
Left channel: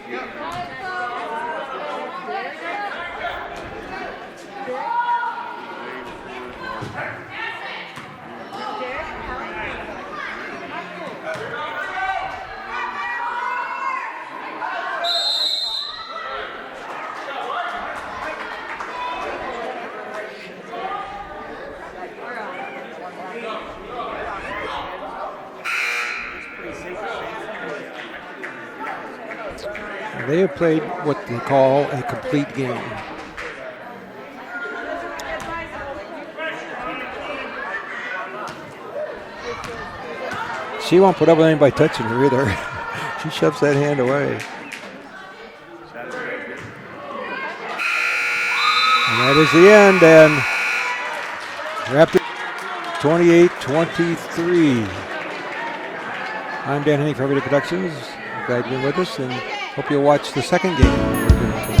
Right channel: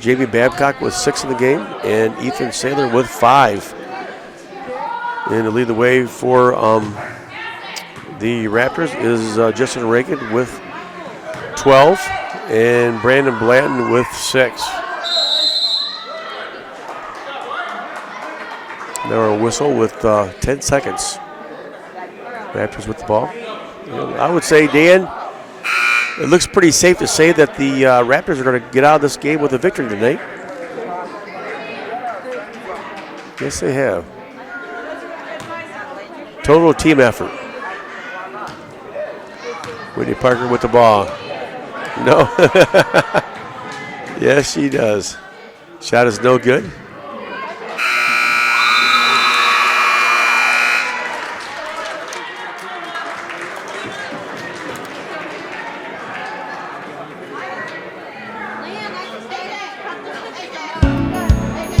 J.B. Babcock with 6 in the game, and Ethan Saylor with 5. And to lead the way for the Raptors is Justin Reagan with 12, and Brandon Blanton with 6. Now a whistle with 10 seconds. Raptors with the ball. I would say, Dan, it looks pretty safe to say that the Raptors are going to get out of this game with a victory today. They have played what we call a complete game. Yes, they have. Total team effort. Whitney Parker with the ball. She won't put up with anybody touching No. her there. She shoves that hand away. Yes, she does. Shot is no good. And that is the end, and Raptors 28-23. I'm Dan Henning, Coed Productions. Glad you're with us, and hope you'll watch the second game.